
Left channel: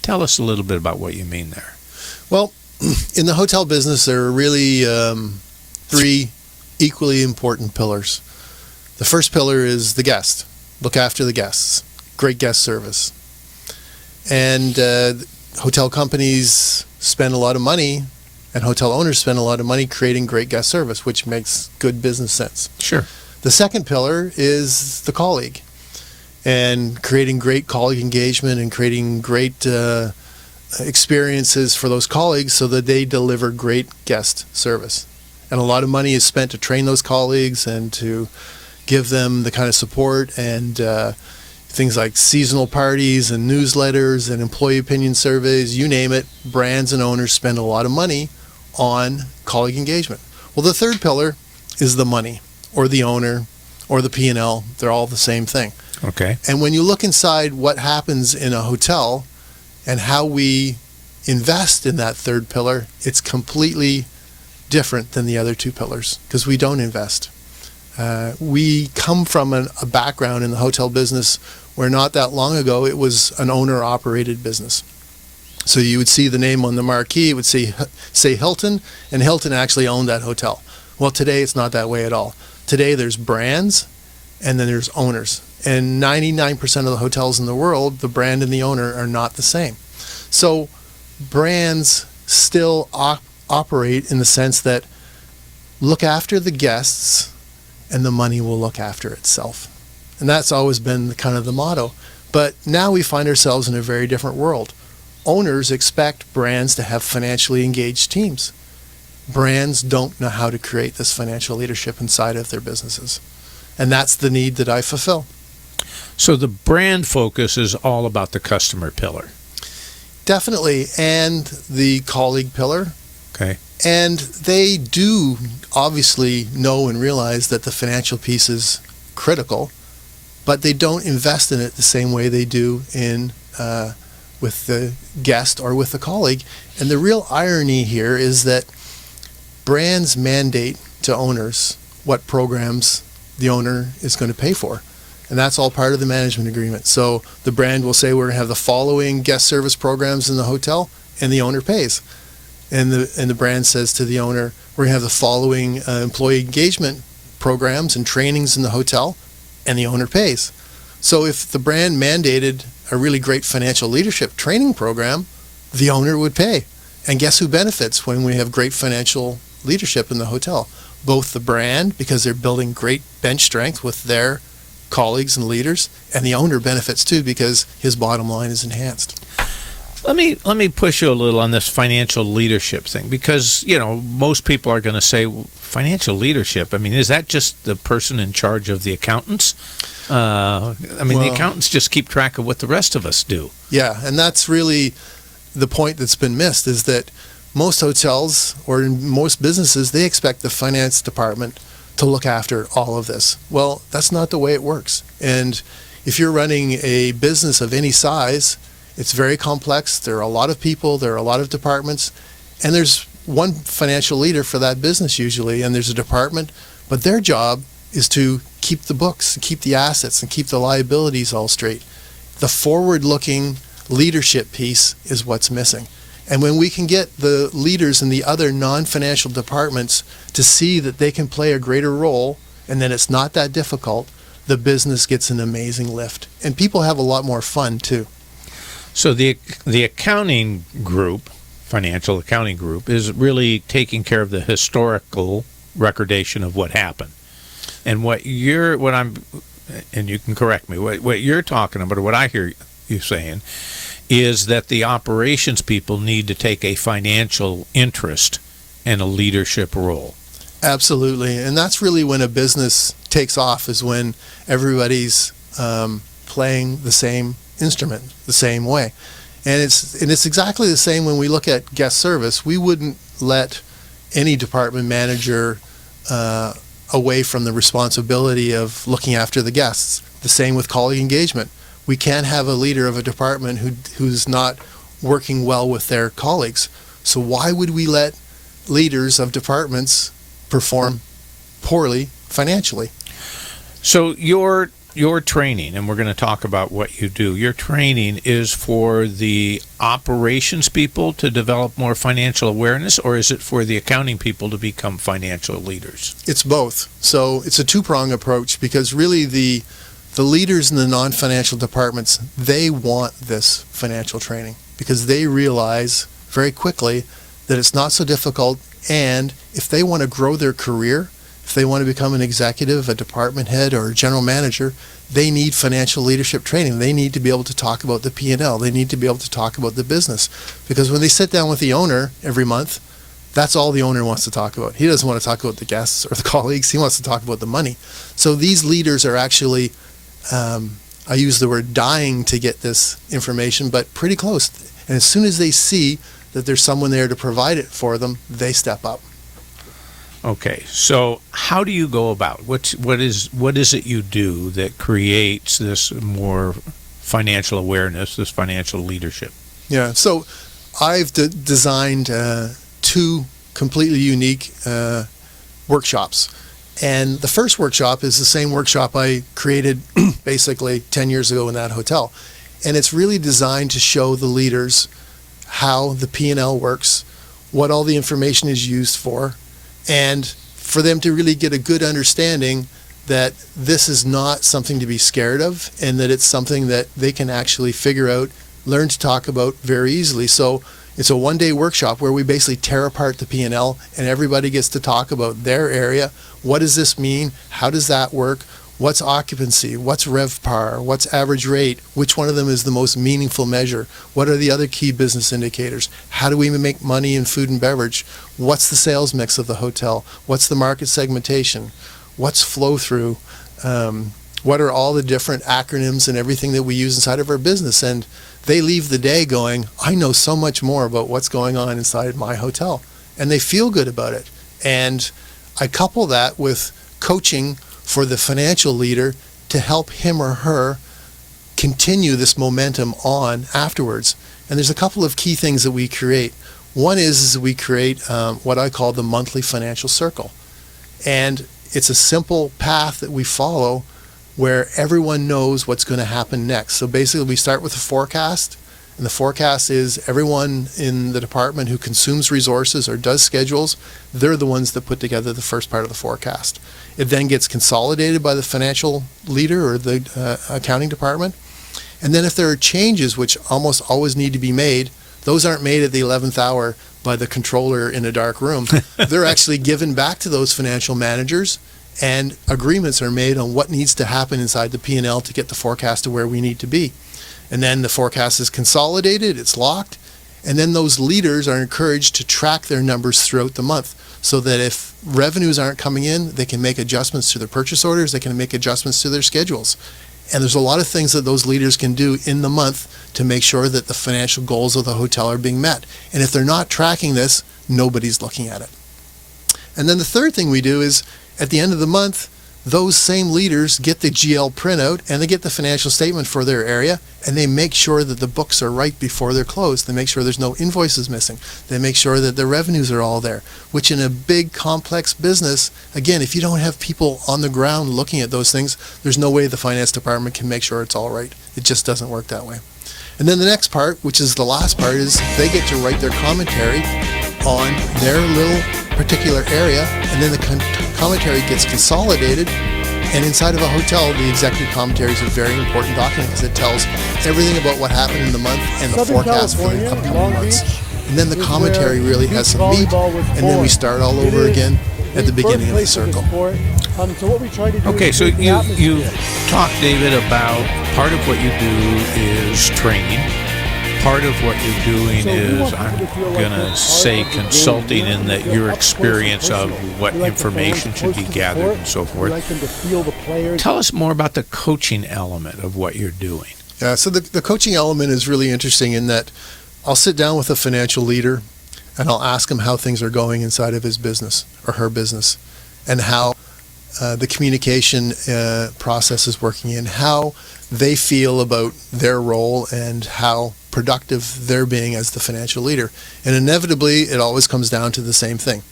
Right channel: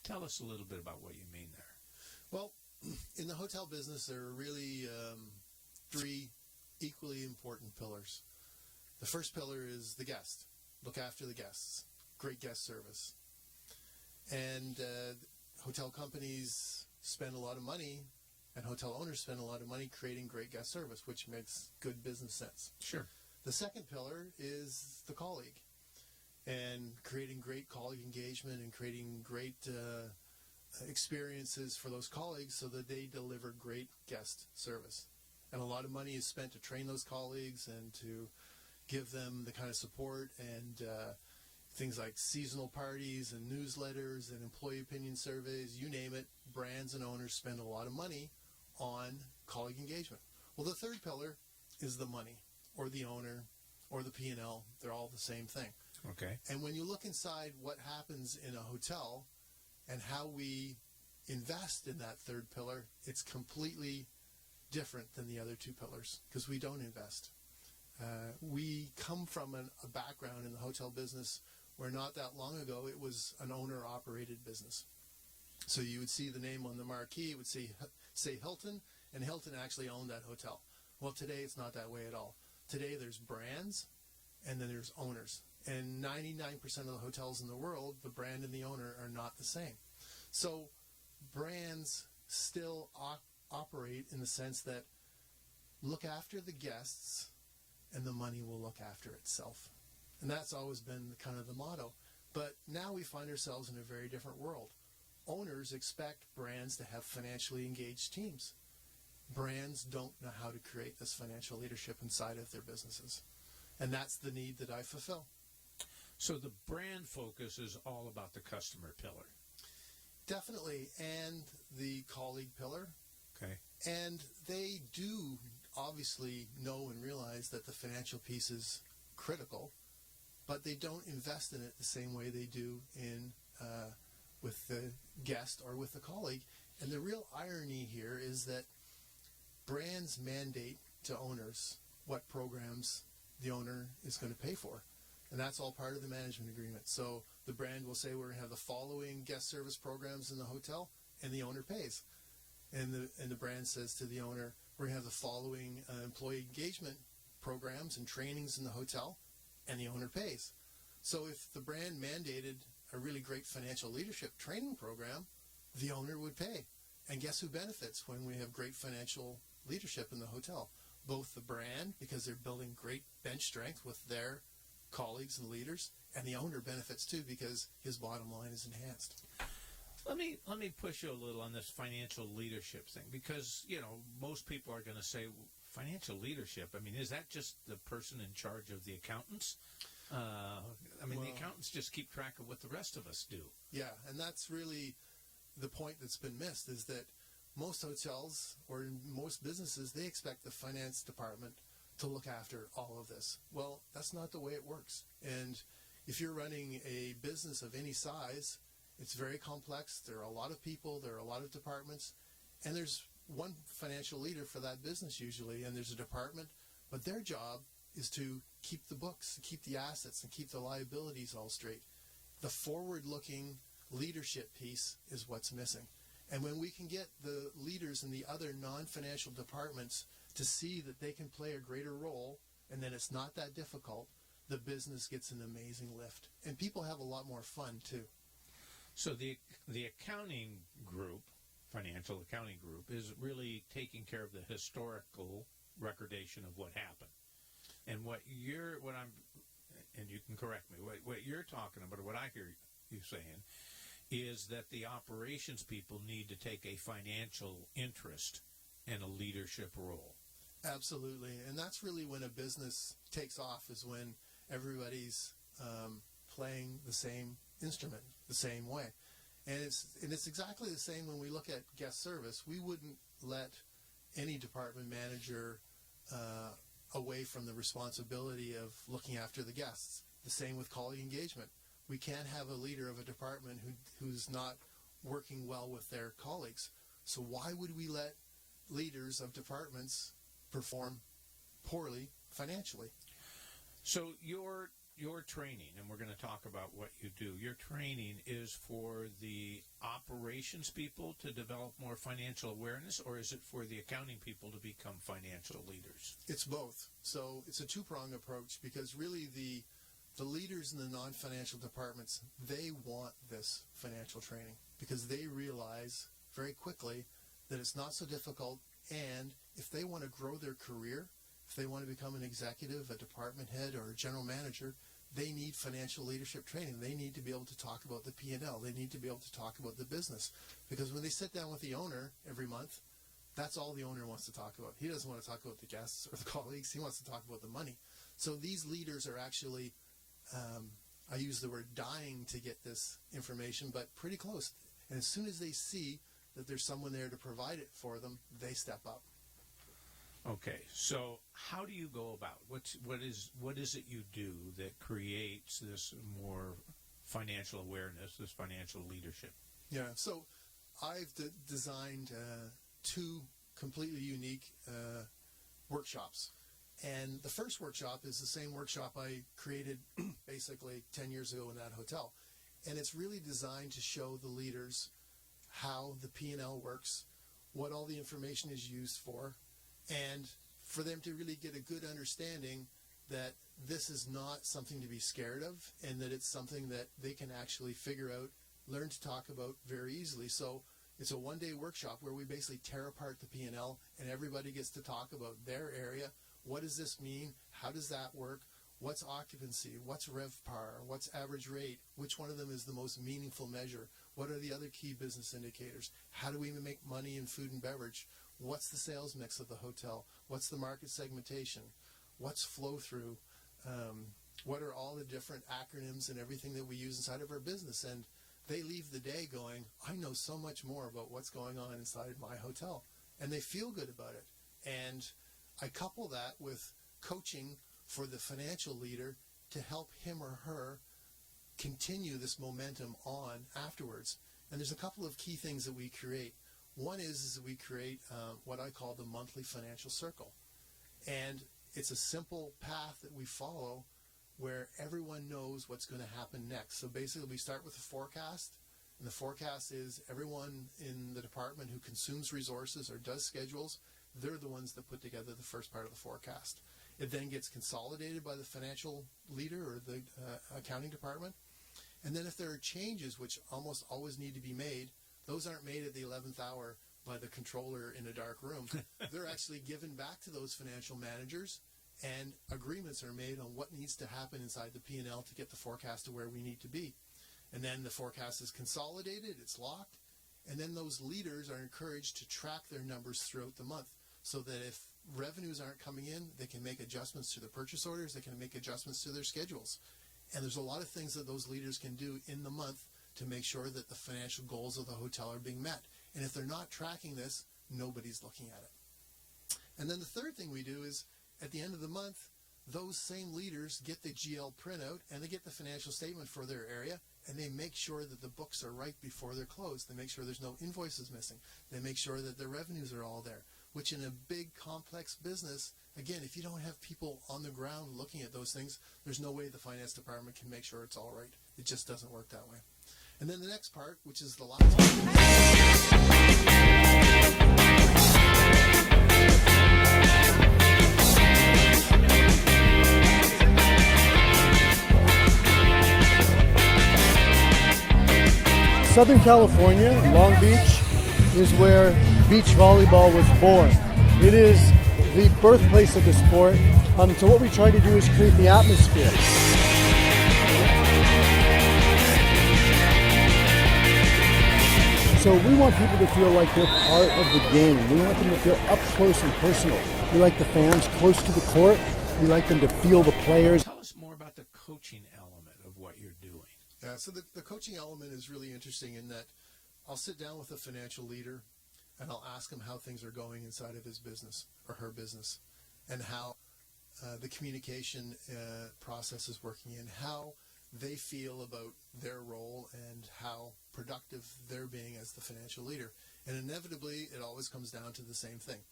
Tell us a little bit about what you mean there. Well, in the hotel business, there are really three equally important pillars. The first pillar is the guest. Look after the guests. Great guest service. And hotel companies spend a lot of money, and hotel owners spend a lot of money creating great guest service, which makes good business sense. Sure. The second pillar is the colleague, and creating great colleague engagement and creating great experiences for those colleagues so that they deliver great guest service. And a lot of money is spent to train those colleagues and to give them the kind of support and things like seasonal parties and newsletters and employee opinion surveys, you name it. Brands and owners spend a lot of money on colleague engagement. Well, the third pillar is the money, or the owner, or the P&L. They're all the same thing. Okay. And when you look inside what happens in a hotel and how we invest in that third pillar, it's completely different than the other two pillars because we don't invest. We come from a background in the hotel business where not that long ago it was an owner-operated business. So you would see the name on the marquee, it would say Hilton, and Hilton actually owned that hotel. Well, today it's not that way at all. Today there's brands and then there's owners. And 99% of the hotels in the world, the brand and the owner are not the same. So brands still operate in the sense that look after the guests and the money will look after itself. And that's always been kind of the motto. But now we find ourselves in a very different world. Owners expect brands to have financially engaged teams. Brands don't know how to create this financial leadership inside of their businesses. And that's the need that I fulfill. So the brand focus is all about the customer pillar. Definitely. And the colleague pillar. Okay. And they do obviously know and realize that the financial piece is critical, but they don't invest in it the same way they do in with the guest or with the colleague. And the real irony here is that brands mandate to owners what programs the owner is going to pay for. And that's all part of the management agreement. So the brand will say we're going to have the following guest service programs in the hotel, and the owner pays. And the brand says to the owner, we're going to have the following employee engagement programs and trainings in the hotel, and the owner pays. So if the brand mandated a really great financial leadership training program, the owner would pay. And guess who benefits when we have great financial leadership in the hotel? Both the brand, because they're building great bench strength with their colleagues and leaders, and the owner benefits too because his bottom line is enhanced. Let me push you a little on this financial leadership thing because, most people are going to say, well, financial leadership, is that just the person in charge of the accountants? The accountants just keep track of what the rest of us do. Yeah, and that's really the point that's been missed is that most hotels or in most businesses, they expect the finance department to look after all of this. Well, that's not the way it works. And if you're running a business of any size, it's very complex. There are a lot of people, there are a lot of departments, and there's one financial leader for that business usually, and there's a department, but their job is to keep the books, keep the assets, and keep the liabilities all straight. The forward-looking leadership piece is what's missing. And when we can get the leaders in the other non-financial departments to see that they can play a greater role and that it's not that difficult, the business gets an amazing lift. And people have a lot more fun too. So the accounting group, financial accounting group, is really taking care of the historical recordation of what happened. And what I'm and you can correct me, what you're talking about, or what I hear you saying, is that the operations people need to take a financial interest and a leadership role. Absolutely. And that's really when a business takes off, is when everybody's playing the same instrument the same way. And it's exactly the same when we look at guest service. We wouldn't let any department manager away from the responsibility of looking after the guests. The same with colleague engagement. We can't have a leader of a department who's not working well with their colleagues. So why would we let leaders of departments perform poorly financially? So your training, and we're going to talk about what you do, your training is for the operations people to develop more financial awareness, or is it for the accounting people to become financial leaders? It's both. So it's a two-prong approach, because really the leaders in the non-financial departments, they want this financial training because they realize very quickly that it's not so difficult, and if they want to grow their career, if they want to become an executive, a department head, or a general manager, they need financial leadership training. They need to be able to talk about the P&L. They need to be able to talk about the business, because when they sit down with the owner every month, that's all the owner wants to talk about. He doesn't want to talk about the guests or the colleagues. He wants to talk about the money. So these leaders are actually, I use the word dying to get this information, but pretty close. And as soon as they see that there's someone there to provide it for them, they step up. Okay, so how do you go about what is it you do that creates this more financial awareness, this financial leadership? Yeah, so I've designed two completely unique workshops. And the first workshop is the same workshop I created basically 10 years ago in that hotel. And it's really designed to show the leaders how the P&L works, what all the information is used for, and for them to really get a good understanding that this is not something to be scared of, and that it's something that they can actually figure out, learn to talk about very easily. So it's a one-day workshop where we basically tear apart the P&L, and everybody gets to talk about their area. What does this mean? How does that work? What's occupancy? What's RevPAR? What's average rate? Which one of them is the most meaningful measure? What are the other key business indicators? How do we make money in food and beverage? What's the sales mix of the hotel? What's the market segmentation? What's flow through? What are all the different acronyms and everything that we use inside of our business? And they leave the day going, I know so much more about what's going on inside my hotel. And they feel good about it. And I couple that with coaching for the financial leader to help him or her continue this momentum on afterwards. And there's a couple of key things that we create. One is we create what I call the monthly financial circle. And it's a simple path that we follow where everyone knows what's going to happen next. So basically we start with a forecast, and the forecast is everyone in the department who consumes resources or does schedules, they're the ones that put together the first part of the forecast. It then gets consolidated by the financial leader or the accounting department. And then if there are changes, which almost always need to be made, those aren't made at the 11th hour by the controller in a dark room. They're actually given back to those financial managers, and agreements are made on what needs to happen inside the P&L to get the forecast to where we need to be. And then the forecast is consolidated, it's locked, and then those leaders are encouraged to track their numbers throughout the month, so that if revenues aren't coming in, they can make adjustments to their purchase orders, they can make adjustments to their schedules. And there's a lot of things that those leaders can do in the month to make sure that the financial goals of the hotel are being met. And if they're not tracking this, nobody's looking at it. And then the third thing we do is, at the end of the month, those same leaders get the GL printout and they get the financial statement for their area, and they make sure that the books are right before they're closed. They make sure there's no invoices missing. They make sure that the revenues are all there, which in a big complex business, again, if you don't have people on the ground looking at those things, there's no way the finance department can make sure it's all right. It just doesn't work that way. And then the next part, which is the last part, is they get to write their commentary on their little particular area, and then the commentary gets consolidated, and inside of a hotel, the executive commentary is a very important document. It tells everything about what happened in the month and Southern the forecast California, Long Beach, and then the commentary really has beach volleyball was and born. then we start all over again. at the beginning birthplace of the sport. So what we try to do Okay, is so create the you atmosphere. talked, David, about part of what you do is training. Part of what you're doing So we is, want people to feel like they're gonna part say of the game. consulting, We want in them that to feel your up close and experience of personal. what We like the information fans should close be to the gathered court. and so We forth. like them to feel the players. Tell us more about the coaching element of what you're doing. Yeah, so the coaching element is really interesting in that I'll sit down with a financial leader and I'll ask him how things are going inside of his business or her business and how the communication process is working and how they feel about their role and how productive they're being as the financial leader. And inevitably, it always comes down to the same thing.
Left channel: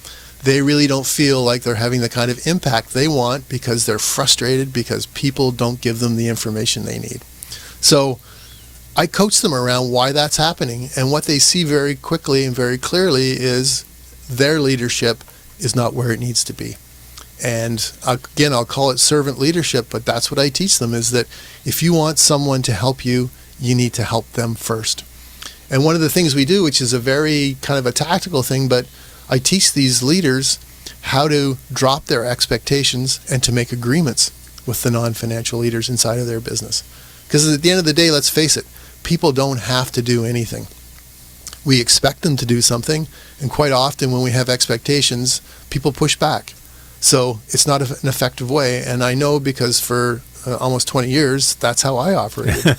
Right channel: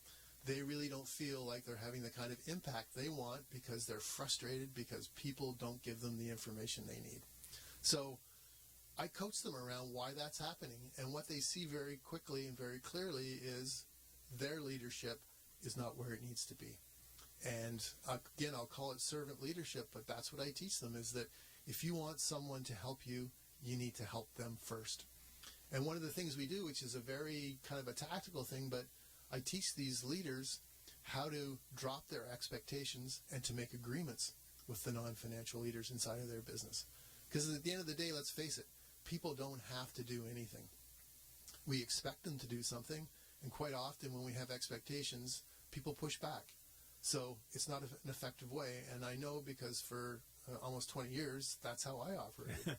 They really don't feel like they're having the kind of impact they want because they're frustrated because people don't give them the information they need. So I coach them around why that's happening, and what they see very quickly and very clearly is their leadership is not where it needs to be. And again, I'll call it servant leadership, but that's what I teach them, is that if you want someone to help you, you need to help them first. And one of the things we do, which is a very kind of a tactical thing, but I teach these leaders how to drop their expectations and to make agreements with the non-financial leaders inside of their business. Because at the end of the day, let's face it, people don't have to do anything. We expect them to do something, and quite often when we have expectations, people push back. So it's not an effective way, and I know because for almost 20 years, that's how I operated.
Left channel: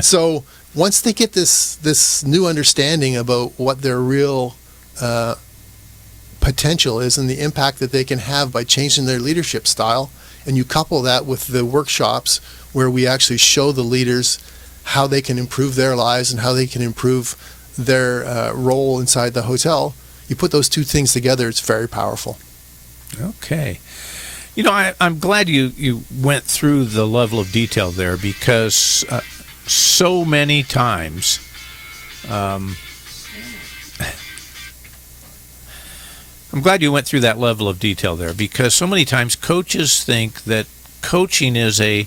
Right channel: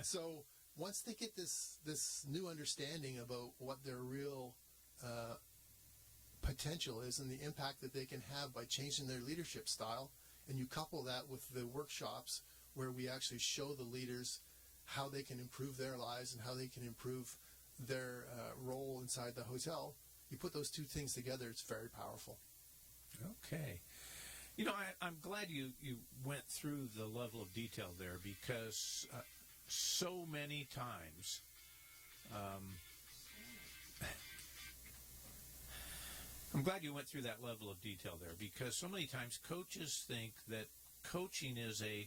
So once they get this new understanding about what their real potential is and the impact that they can have by changing their leadership style, and you couple that with the workshops where we actually show the leaders how they can improve their lives and how they can improve their role inside the hotel, you put those two things together, it's very powerful. Okay. You know, I'm glad you went through the level of detail there, because so many times I'm glad you went through that level of detail there, because so many times coaches think that coaching is a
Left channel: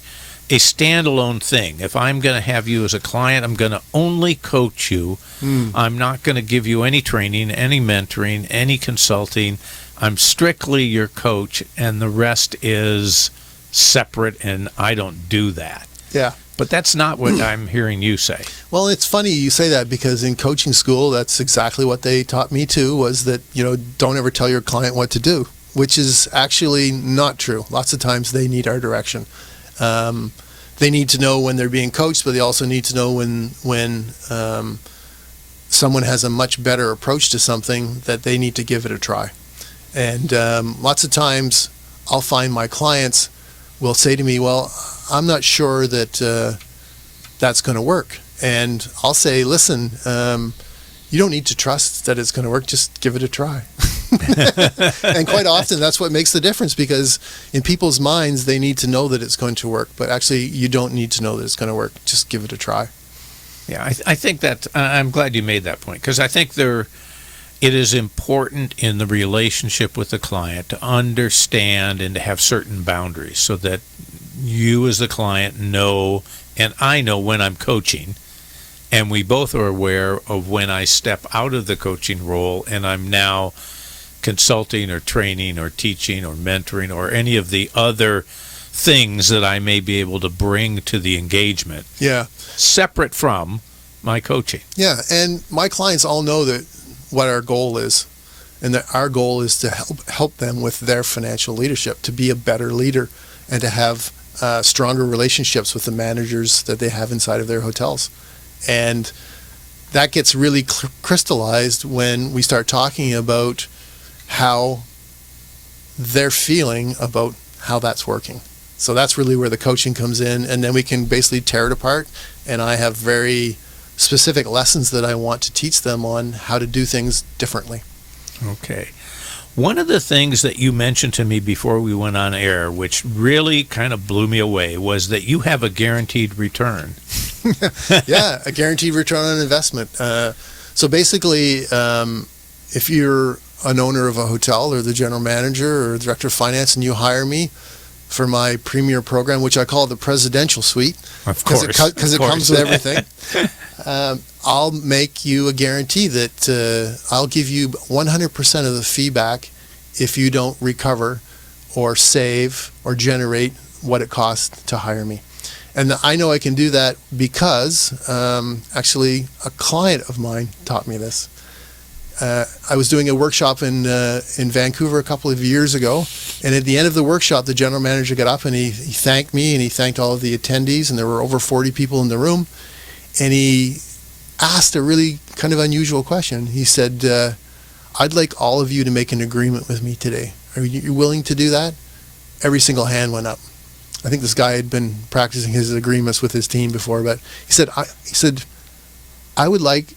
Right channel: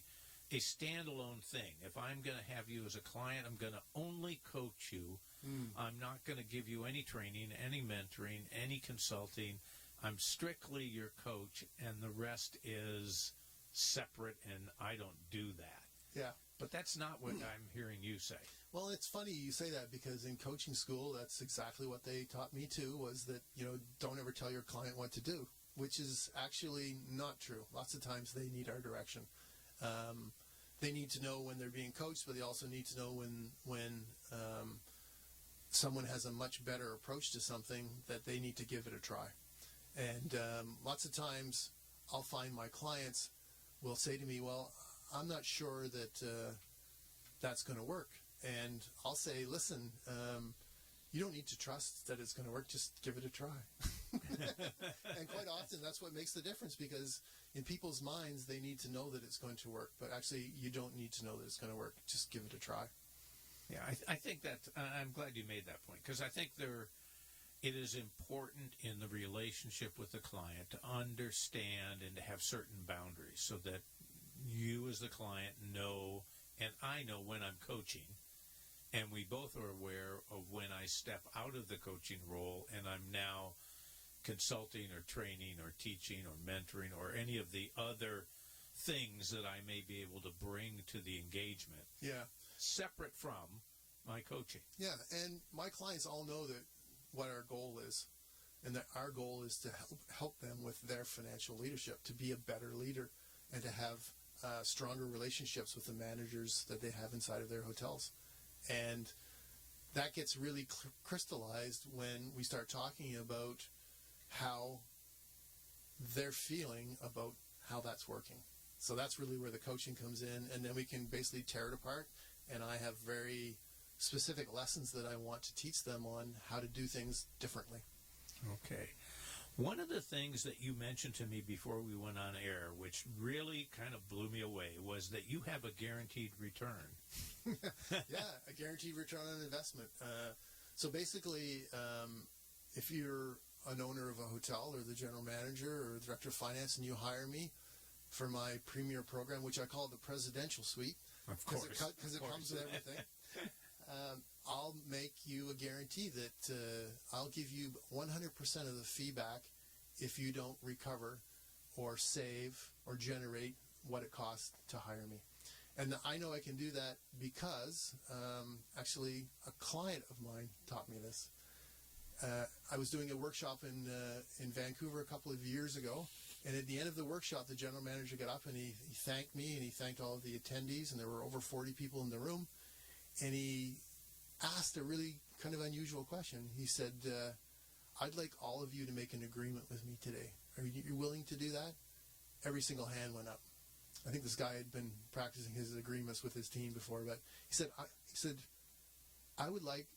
standalone thing. If I'm going to have you as a client, I'm going to only coach you. I'm not going to give you any training, any mentoring, any consulting. I'm strictly your coach, and the rest is separate, and I don't do that. Yeah. But that's not what I'm hearing you say. Well, it's funny you say that, because in coaching school, that's exactly what they taught me too, was that, don't ever tell your client what to do, which is actually not true. Lots of times they need our direction. They need to know when they're being coached, but they also need to know when someone has a much better approach to something, that they need to give it a try. And lots of times I'll find my clients will say to me, well, I'm not sure that that's going to work. And I'll say, listen, you don't need to trust that it's going to work. Just give it a try. And quite often that's what makes the difference, because in people's minds, they need to know that it's going to work. But actually, you don't need to know that it's going to work. Just give it a try. Yeah, I think that I'm glad you made that point, because I think it is important in the relationship with the client to understand and to have certain boundaries, so that you as the client know, and I know when I'm coaching, and we both are aware of when I step out of the coaching role and I'm now consulting or training or teaching or mentoring or any of the other things that I may be able to bring to the engagement. Yeah. Separate from my coaching. Yeah, and my clients all know that what our goal is, and that our goal is to help them with their financial leadership, to be a better leader, and to have stronger relationships with the managers that they have inside of their hotels. And that gets really crystallized when we start talking about how they're feeling about how that's working. So that's really where the coaching comes in, and then we can basically tear it apart, and I have very specific lessons that I want to teach them on how to do things differently. Okay. One of the things that you mentioned to me before we went on air, which really kind of blew me away, was that you have a guaranteed return. Yeah, a guaranteed return on investment. So basically, if you're an owner of a hotel or the general manager or director of finance and you hire me for my premier program, which I call the presidential suite, of course, because it comes with everything, I'll make you a guarantee that I'll give you 100% of the feedback if you don't recover or save or generate what it costs to hire me. And I know I can do that because actually a client of mine taught me this. I was doing a workshop in Vancouver a couple of years ago, and at the end of the workshop, the general manager got up and he thanked me, and he thanked all of the attendees, and there were over 40 people in the room, and he asked a really kind of unusual question. He said, I'd like all of you to make an agreement with me today. Are you willing to do that? Every single hand went up. I think this guy had been practicing his agreements with his team before, but he said, I would like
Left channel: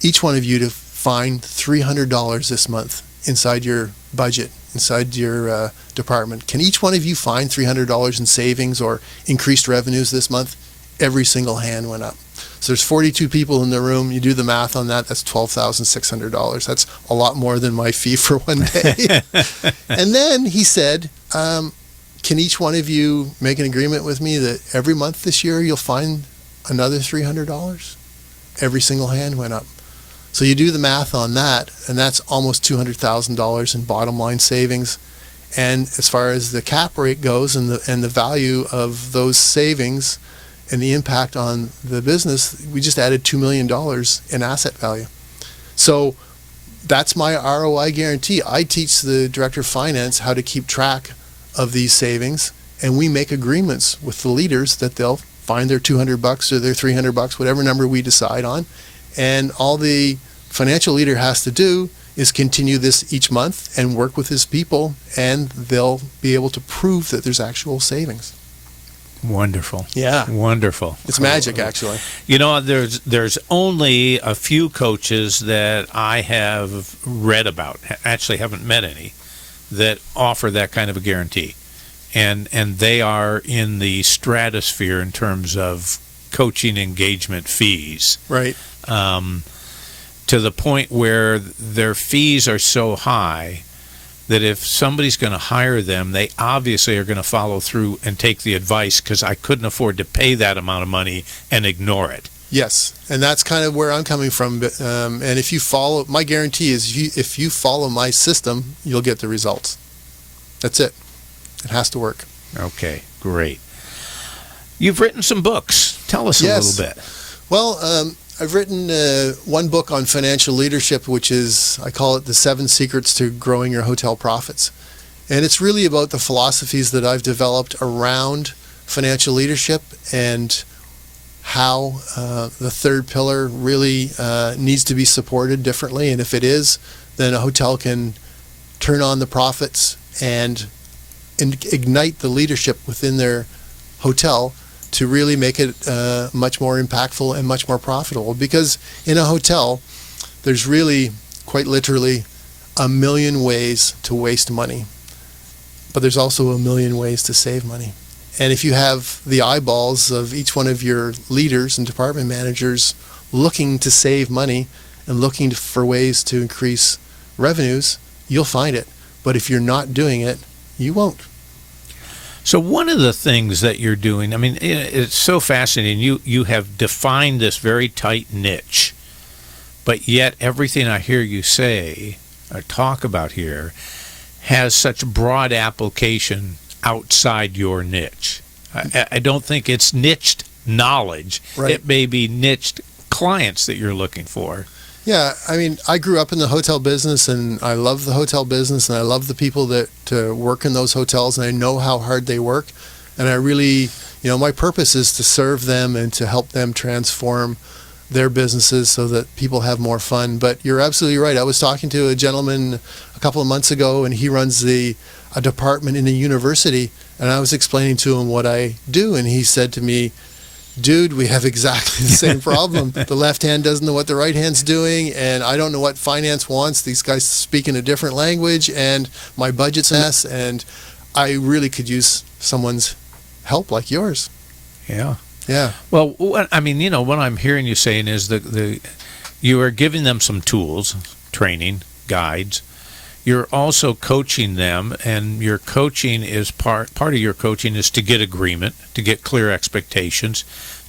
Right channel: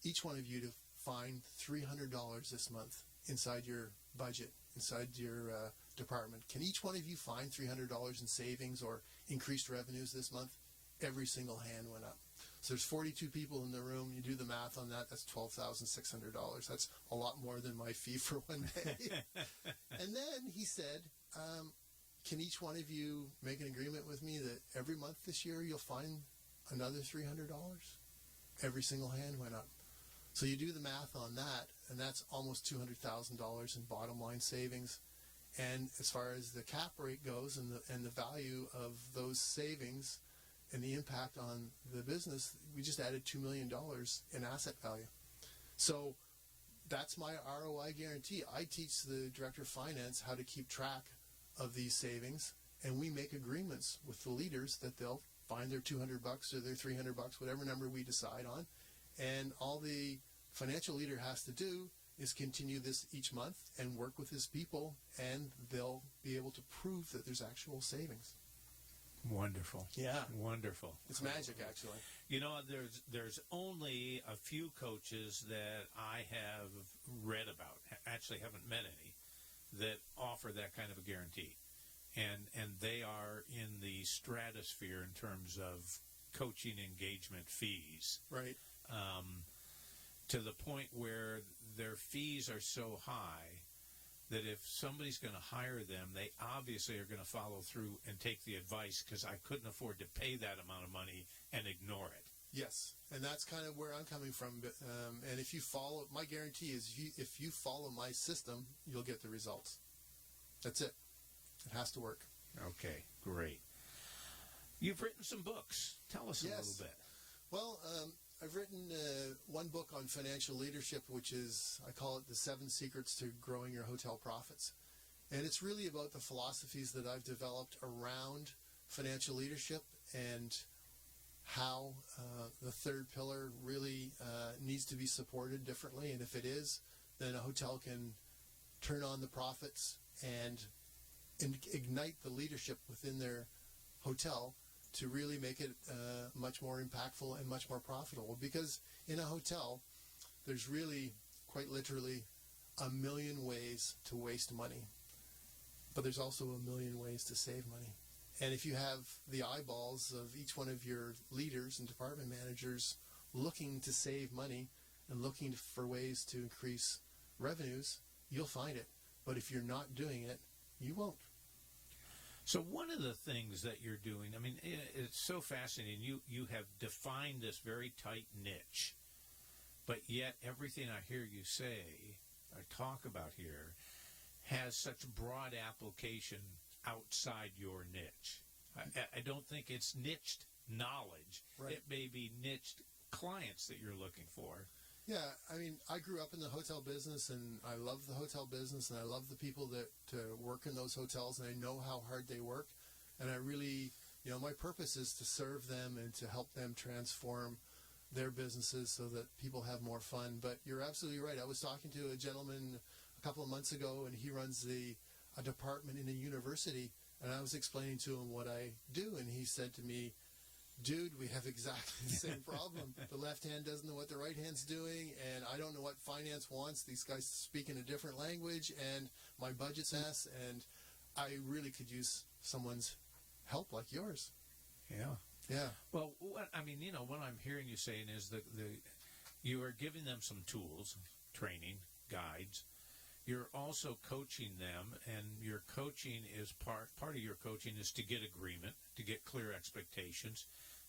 each one of you to find $300 this month inside your budget, inside your department. Can each one of you find $300 in savings or increased revenues this month? Every single hand went up. So there's 42 people in the room. You do the math on that, that's $12,600. That's a lot more than my fee for one day. And then he said, can each one of you make an agreement with me that every month this year you'll find another $300? Every single hand went up. So you do the math on that, and that's almost $200,000 in bottom line savings. And as far as the cap rate goes and the value of those savings and the impact on the business, we just added $2 million in asset value. So that's my ROI guarantee. I teach the director of finance how to keep track of these savings, and we make agreements with the leaders that they'll find their $200 or their $300, whatever number we decide on. And all the financial leader has to do is continue this each month and work with his people, and they'll be able to prove that there's actual savings. Wonderful. Yeah. Wonderful. It's magic, actually. You know, there's only a few coaches that I have read about, actually haven't met any, that offer that kind of a guarantee. And they are in the stratosphere in terms of coaching engagement fees. Right. To the point where their fees are so high that if somebody's going to hire them, they obviously are going to follow through and take the advice, because I couldn't afford to pay that amount of money and ignore it. Yes, and that's kind of where I'm coming from. And if you follow, my guarantee is if you follow my system, you'll get the results. That's it. It has to work. Okay, great. You've written some books. Tell us a little bit. Well, I've written one book on financial leadership, which is, I call it The 7 Secrets to Growing Your Hotel Profits. And it's really about the philosophies that I've developed around financial leadership and how the third pillar really needs to be supported differently. And if it is, then a hotel can turn on the profits and ignite the leadership within their hotel to really make it much more impactful and much more profitable. Because in a hotel, there's really, quite literally, a million ways to waste money. But there's also a million ways to save money. And if you have the eyeballs of each one of your leaders and department managers looking to save money and looking for ways to increase revenues, you'll find it. But if you're not doing it, you won't. So one of the things that you're doing, I mean, it's so fascinating. You have defined this very tight niche, but yet everything I hear you say or talk about here has such broad application outside your niche. I don't think it's niched knowledge. Right. It may be niched clients that you're looking for. Yeah, I mean, I grew up in the hotel business, and I love the hotel business, and I love the people that work in those hotels, and I know how hard they work. And I really, my purpose is to serve them and to help them transform their businesses so that people have more fun. But you're absolutely right. I was talking to a gentleman a couple of months ago, and he runs a department in a university, and I was explaining to him what I do, and he said to me, dude, we have exactly the same problem. The left hand doesn't know what the right hand's doing, and I don't know what finance wants. These guys speak in a different language, and my budget's a mess, and I really could use someone's help like yours. Yeah. Yeah. Well, what I'm hearing you saying is you are giving them some tools, training, guides. You're also coaching them, and your coaching is part of your coaching is to get agreement, to get clear expectations,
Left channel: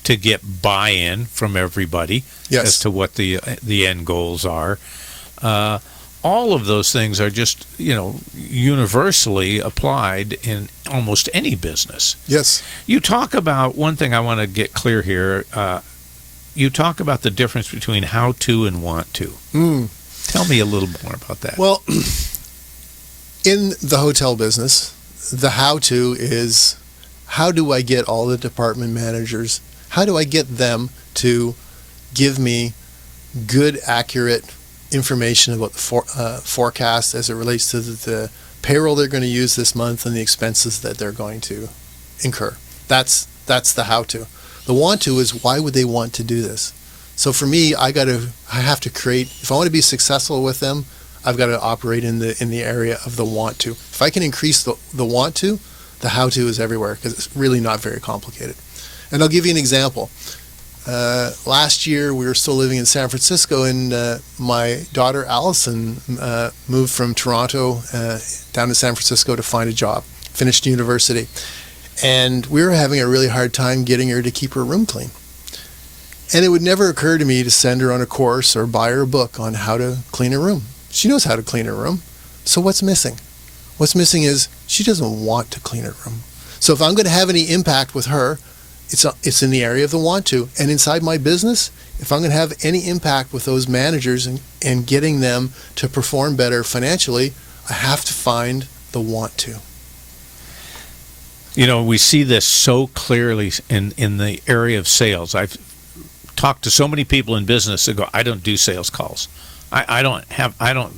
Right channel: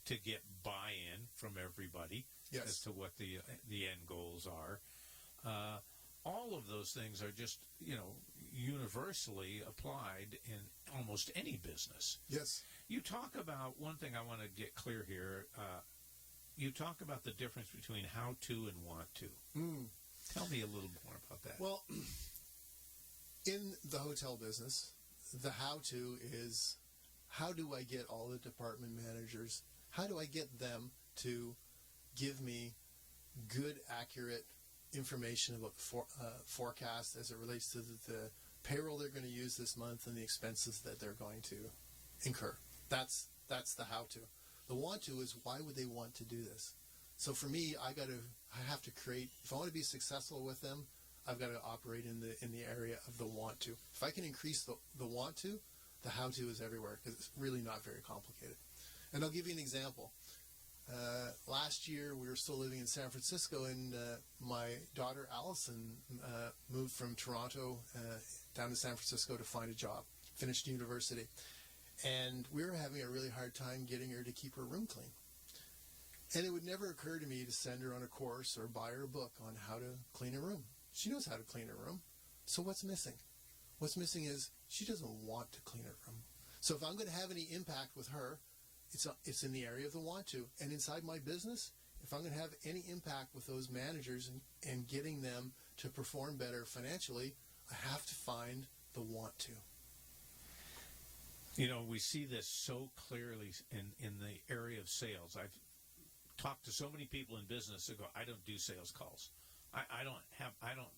to get buy-in from everybody Yes. as to what the end goals are. all of those things are just, universally applied in almost any business. Yes. You talk about, one thing I want to get clear here, you talk about the difference between how to and want to. Tell me a little more about that. Well, in the hotel business, the how to is, how do I get all the department managers, how do I get them to give me good, accurate information about the forecast as it relates to the payroll they're going to use this month and the expenses that they're going to incur. That's the how to. The want to is, why would they want to do this? So for me, I have to create, if I want to be successful with them, I've got to operate in the area of the want to. If I can increase the want to, the how to is everywhere, because it's really not very complicated. And I'll give you an example. Last year, we were still living in San Francisco, and my daughter Allison moved from Toronto down to San Francisco to find a job, finished university. And we were having a really hard time getting her to keep her room clean. And it would never occur to me to send her on a course or buy her a book on how to clean her room. She knows how to clean her room. So what's missing? What's missing is she doesn't want to clean her room. So if I'm going to have any impact with her, it's in the area of the want to. And inside my business, if I'm going to have any impact with those managers and getting them to perform better financially, I have to find the want to. We see this so clearly in the area of sales. I've talked to so many people in business that go, I don't do sales calls. I don't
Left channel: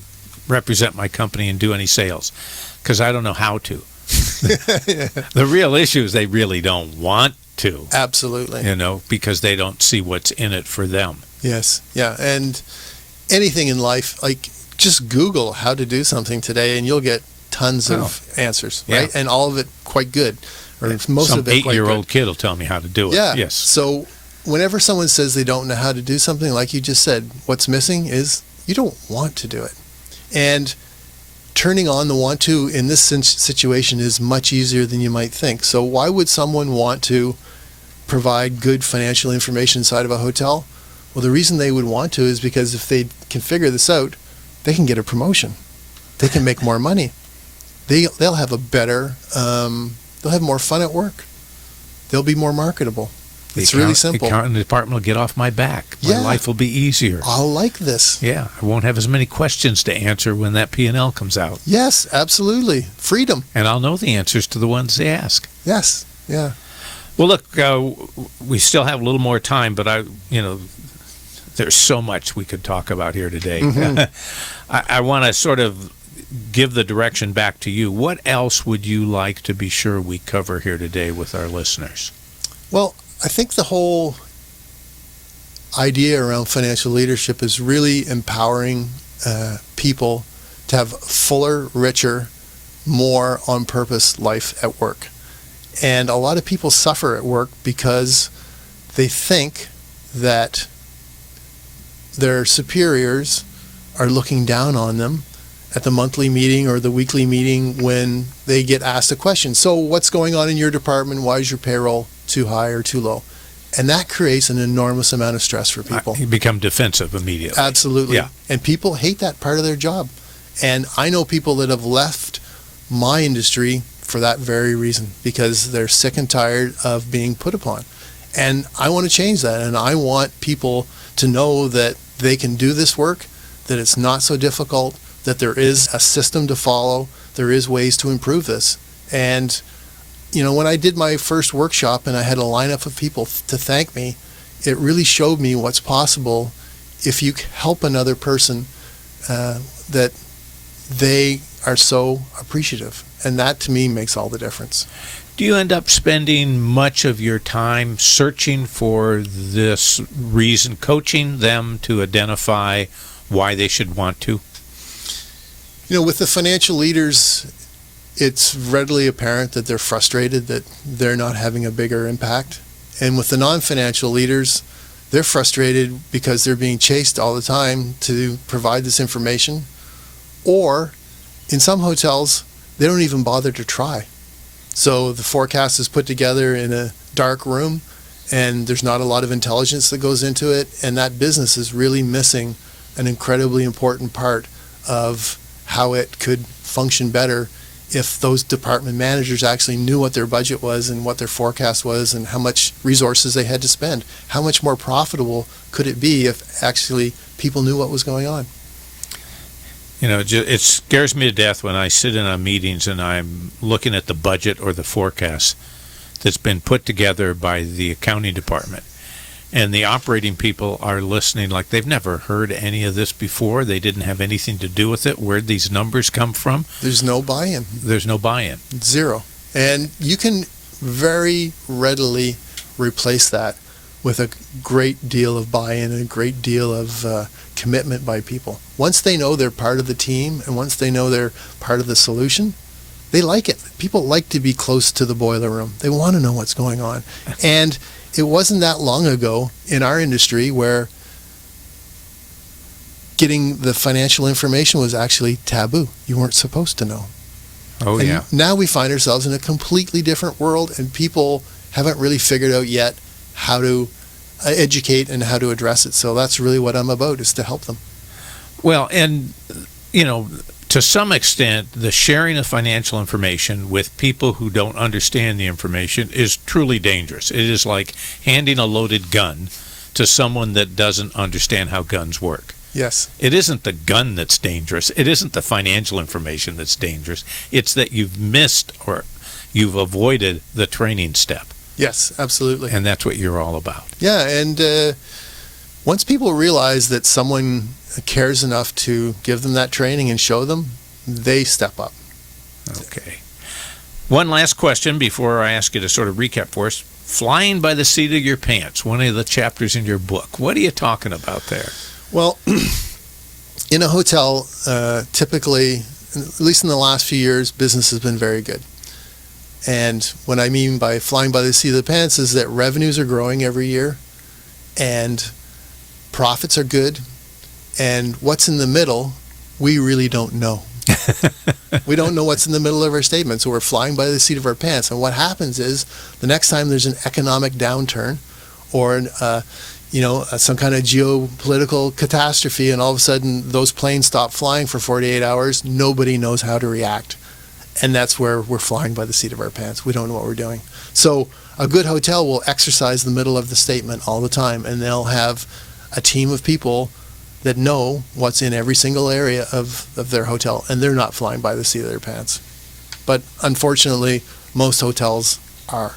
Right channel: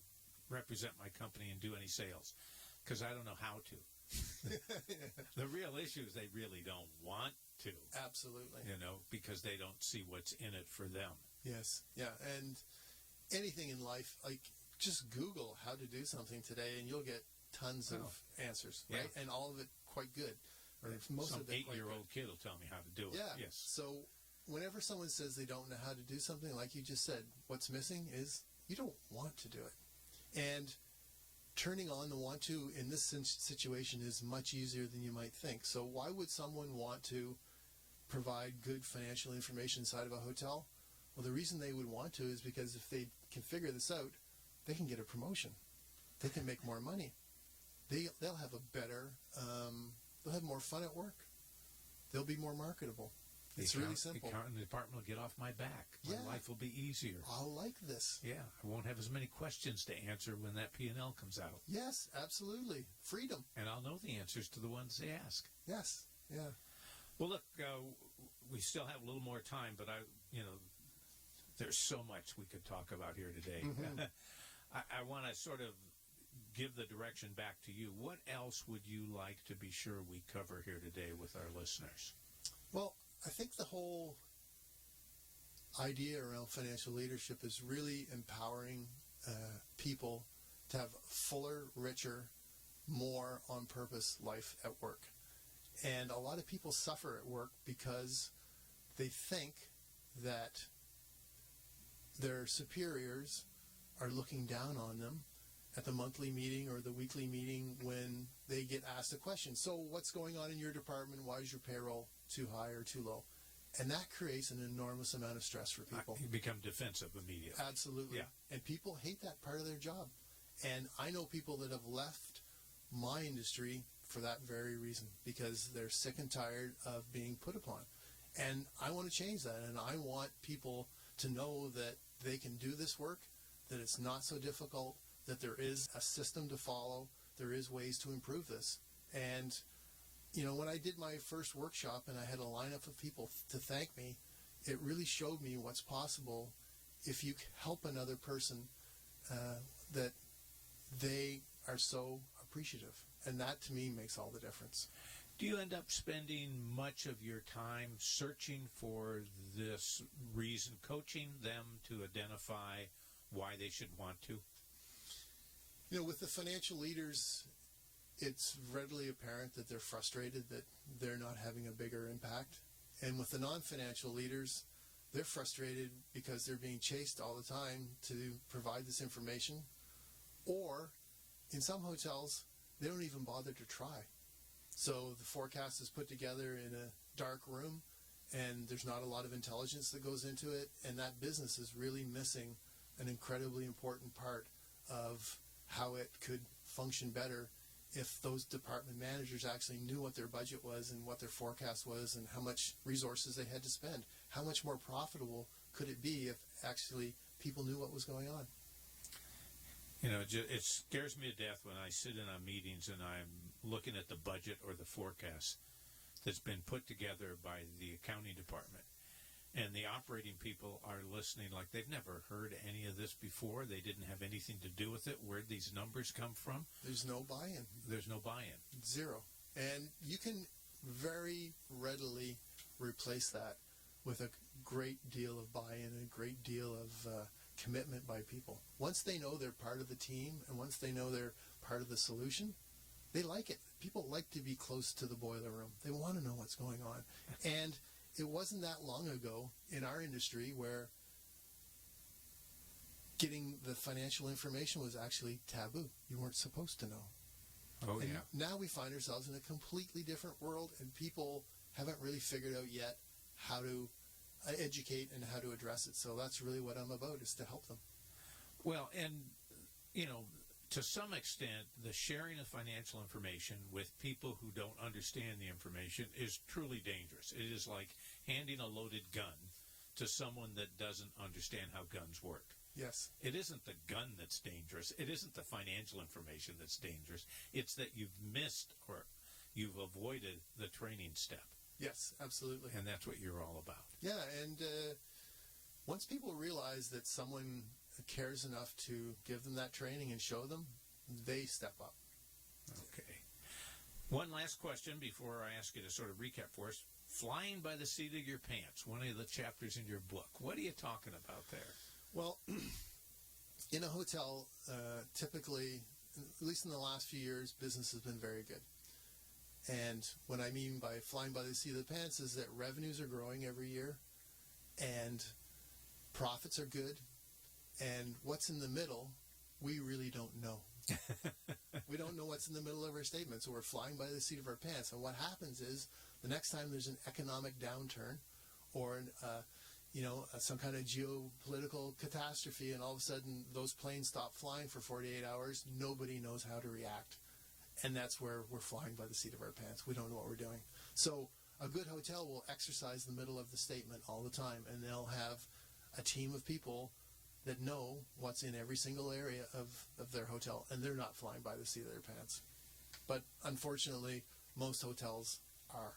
represent my company and do any sales because I don't know how to. The real issue is they really don't want to. Absolutely. Because they don't see what's in it for them. Yes. Yeah. And anything in life, like, just Google how to do something today and you'll get tons of answers, right? Yeah. And all of it quite good. Or most Some of it quite 8-year-old kid will tell me how to do it. Yeah. Yes. So whenever someone says they don't know how to do something, like you just said, what's missing is you don't want to do it. And turning on the want to in this situation is much easier than you might think. So why would someone want to provide good financial information inside of a hotel? Well, the reason they would want to is because if they can figure this out, they can get a promotion. They can make more money. They'll have a better, they'll have more fun at work. They'll be more marketable. It's really simple. The accounting department will get off my back. My life will be easier. I'll like this. Yeah, I won't have as many questions to answer when that P&L comes out. Yes, absolutely. Freedom. And I'll know the answers to the ones they ask. Yes, yeah. Well, look, we still have a little more time, but there's so much we could talk about here today. Mm-hmm. I want to sort of give the direction back to you. What else would you like to be sure we cover here today with our listeners? Well, I think the whole idea around financial leadership is really empowering people to have fuller, richer, more on-purpose life at work. And a lot of people suffer at work because they think that their superiors are looking down on them at the monthly meeting or the weekly meeting when they get asked a question. So what's going on in your department? Why is your payroll too high or too low? And that creates an enormous amount of stress for people. You become defensive immediately. Absolutely. Yeah. And people hate that part of their job. And I know people that have left my industry for that very reason, because they're sick and tired of being put upon. And I want to change that. And I want people to know that they can do this work, that it's not so difficult, that there is a system to follow, there is ways to improve this. And when I did my first workshop and I had a lineup of people to thank me, it really showed me what's possible if you help another person, that they are so appreciative. And that, to me, makes all the difference. Do you end up spending much of your time searching for this reason, coaching them to identify why they should want to? With the financial leaders, it's readily apparent that they're frustrated that they're not having a bigger impact. And with the non-financial leaders, they're frustrated because they're being chased all the time to provide this information. Or in some hotels, they don't even bother to try. So the forecast is put together in a dark room and there's not a lot of intelligence that goes into it. And that business is really missing an incredibly important part of how it could function better if those department managers actually knew what their budget was and what their forecast was and how much resources they had to spend. How much more profitable could it be if actually people knew what was going on? You know, it scares me to death when I sit in on meetings and I'm looking at the budget or the forecast that's been put together by the accounting department. And the operating people are listening like they've never heard any of this before. They didn't have anything to do with it. Where'd these numbers come from? There's no buy-in. There's no buy-in. Zero. And you can very readily replace that with a great deal of buy-in and a great deal of commitment by people. Once they know they're part of the team and once they know they're part of the solution, they like it. People like to be close to the boiler room. They want to know what's going on. And it wasn't that long ago in our industry where getting the financial information was actually taboo. You weren't supposed to know. Oh, and yeah. Now we find ourselves in a completely different world, and people haven't really figured out yet how to educate and how to address it. So that's really what I'm about, is to help them. Well, and, you know, to some extent, the sharing of financial information with people who don't understand the information is truly dangerous. It is like handing a loaded gun to someone that doesn't understand how guns work. Yes. It isn't the gun that's dangerous. It isn't the financial information that's dangerous. It's that you've missed or you've avoided the training step. Yes, absolutely. And that's what you're all about. Yeah, and once people realize that someone cares enough to give them that training and show them, they step up. Okay. One last question before I ask you to sort of recap for us. Flying by the seat of your pants, one of the chapters in your book. What are you talking about there? Well, in a hotel, typically, at least in the last few years, business has been very good. And what I mean by flying by the seat of the pants is that revenues are growing every year and profits are good. And what's in the middle, we really don't know. We don't know what's in the middle of our statement. So we're flying by the seat of our pants. And what happens is the next time there's an economic downturn or some kind of geopolitical catastrophe, and all of a sudden those planes stop flying for 48 hours, nobody knows how to react. And that's where we're flying by the seat of our pants. We don't know what we're doing. So a good hotel will exercise the middle of the statement all the time, and they'll have a team of people that know what's in every single area of their hotel, and they're not flying by the seat of their pants. But unfortunately, most hotels are.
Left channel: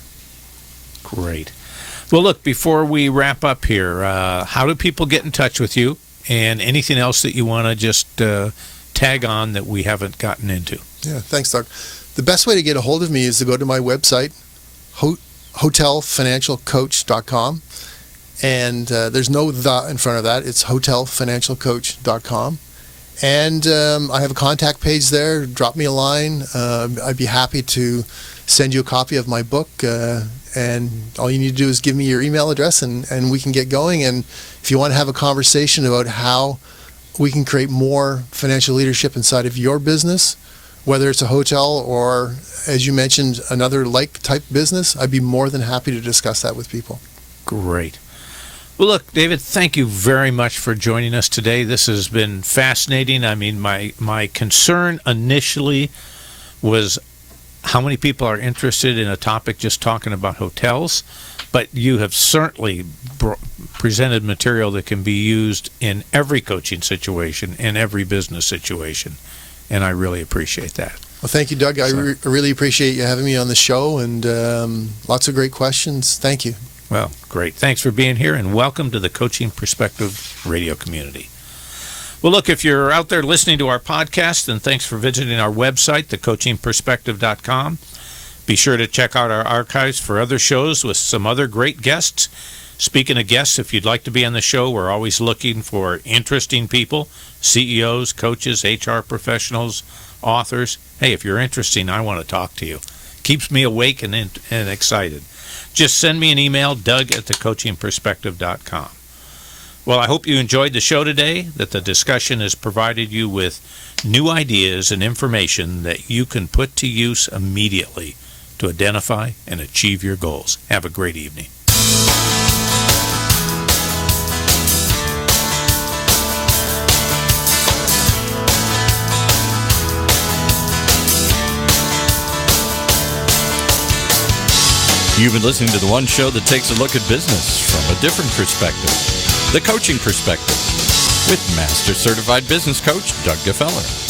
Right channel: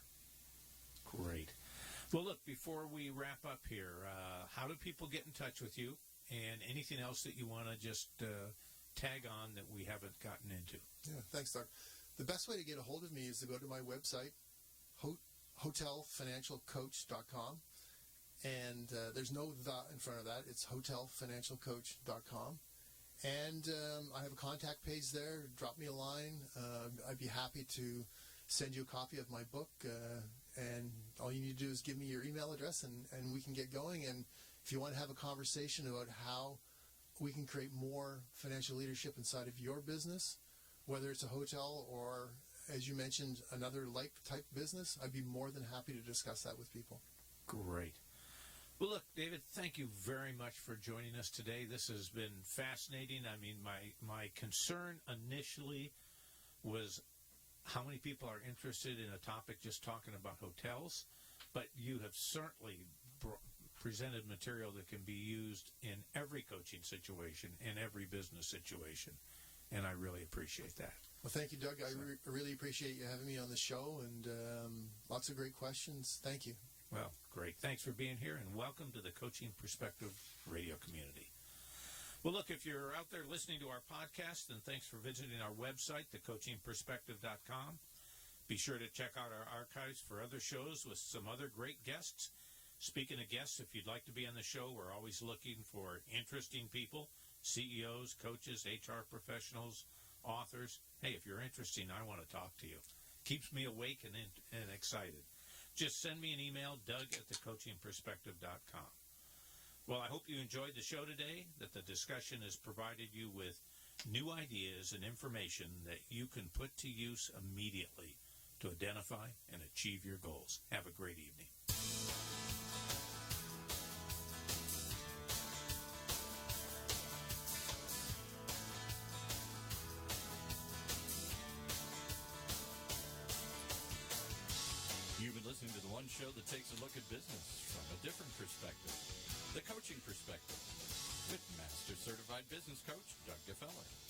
Great. Well, look, before we wrap up here, how do people get in touch with you, and anything else that you want to just tag on that we haven't gotten into? Yeah, thanks, Doug. The best way to get a hold of me is to go to my website, hotelfinancialcoach.com. And there's no "the" in front of that. It's hotelfinancialcoach.com. And I have a contact page there. Drop me a line. I'd be happy to send you a copy of my book. And all you need to do is give me your email address, and we can get going. And if you want to have a conversation about how we can create more financial leadership inside of your business, whether it's a hotel or, as you mentioned, another like-type business, I'd be more than happy to discuss that with people. Great. Well, look, David, thank you very much for joining us today. This has been fascinating. I mean, my concern initially was how many people are interested in a topic just talking about hotels, but you have certainly presented material that can be used in every coaching situation, in every business situation, and I really appreciate that. Well, thank you, Doug. I really appreciate you having me on the show, and lots of great questions. Thank you. Well, great. Thanks for being here, and welcome to the Coaching Perspective radio community. Well, look, if you're out there listening to our podcast, then thanks for visiting our website, thecoachingperspective.com. Be sure to check out our archives for other shows with some other great guests. Speaking of guests, if you'd like to be on the show, we're always looking for interesting people, CEOs, coaches, HR professionals, authors. Hey, if you're interesting, I want to talk to you. Keeps me awake and excited. Just send me an email, doug@thecoachingperspective.com. Well, I hope you enjoyed the show today, that the discussion has provided you with new ideas and information that you can put to use immediately to identify and achieve your goals. Have a great evening. You've been listening to the one show that takes a look at business from a different perspective, the coaching perspective, with Master Certified Business Coach Doug Gfeller.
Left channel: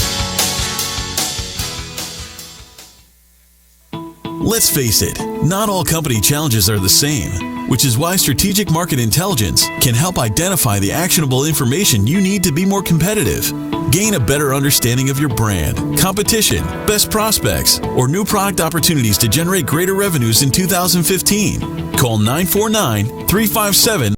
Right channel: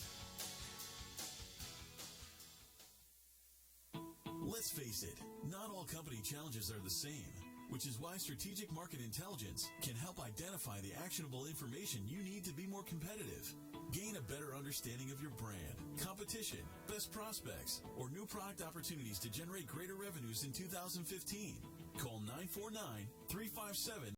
Let's face it, not all company challenges are the same, which is why Strategic Market Intelligence can help identify the actionable information you need to be more competitive. Gain a better understanding of your brand, competition, best prospects, or new product opportunities to generate greater revenues in 2015. Call 949-357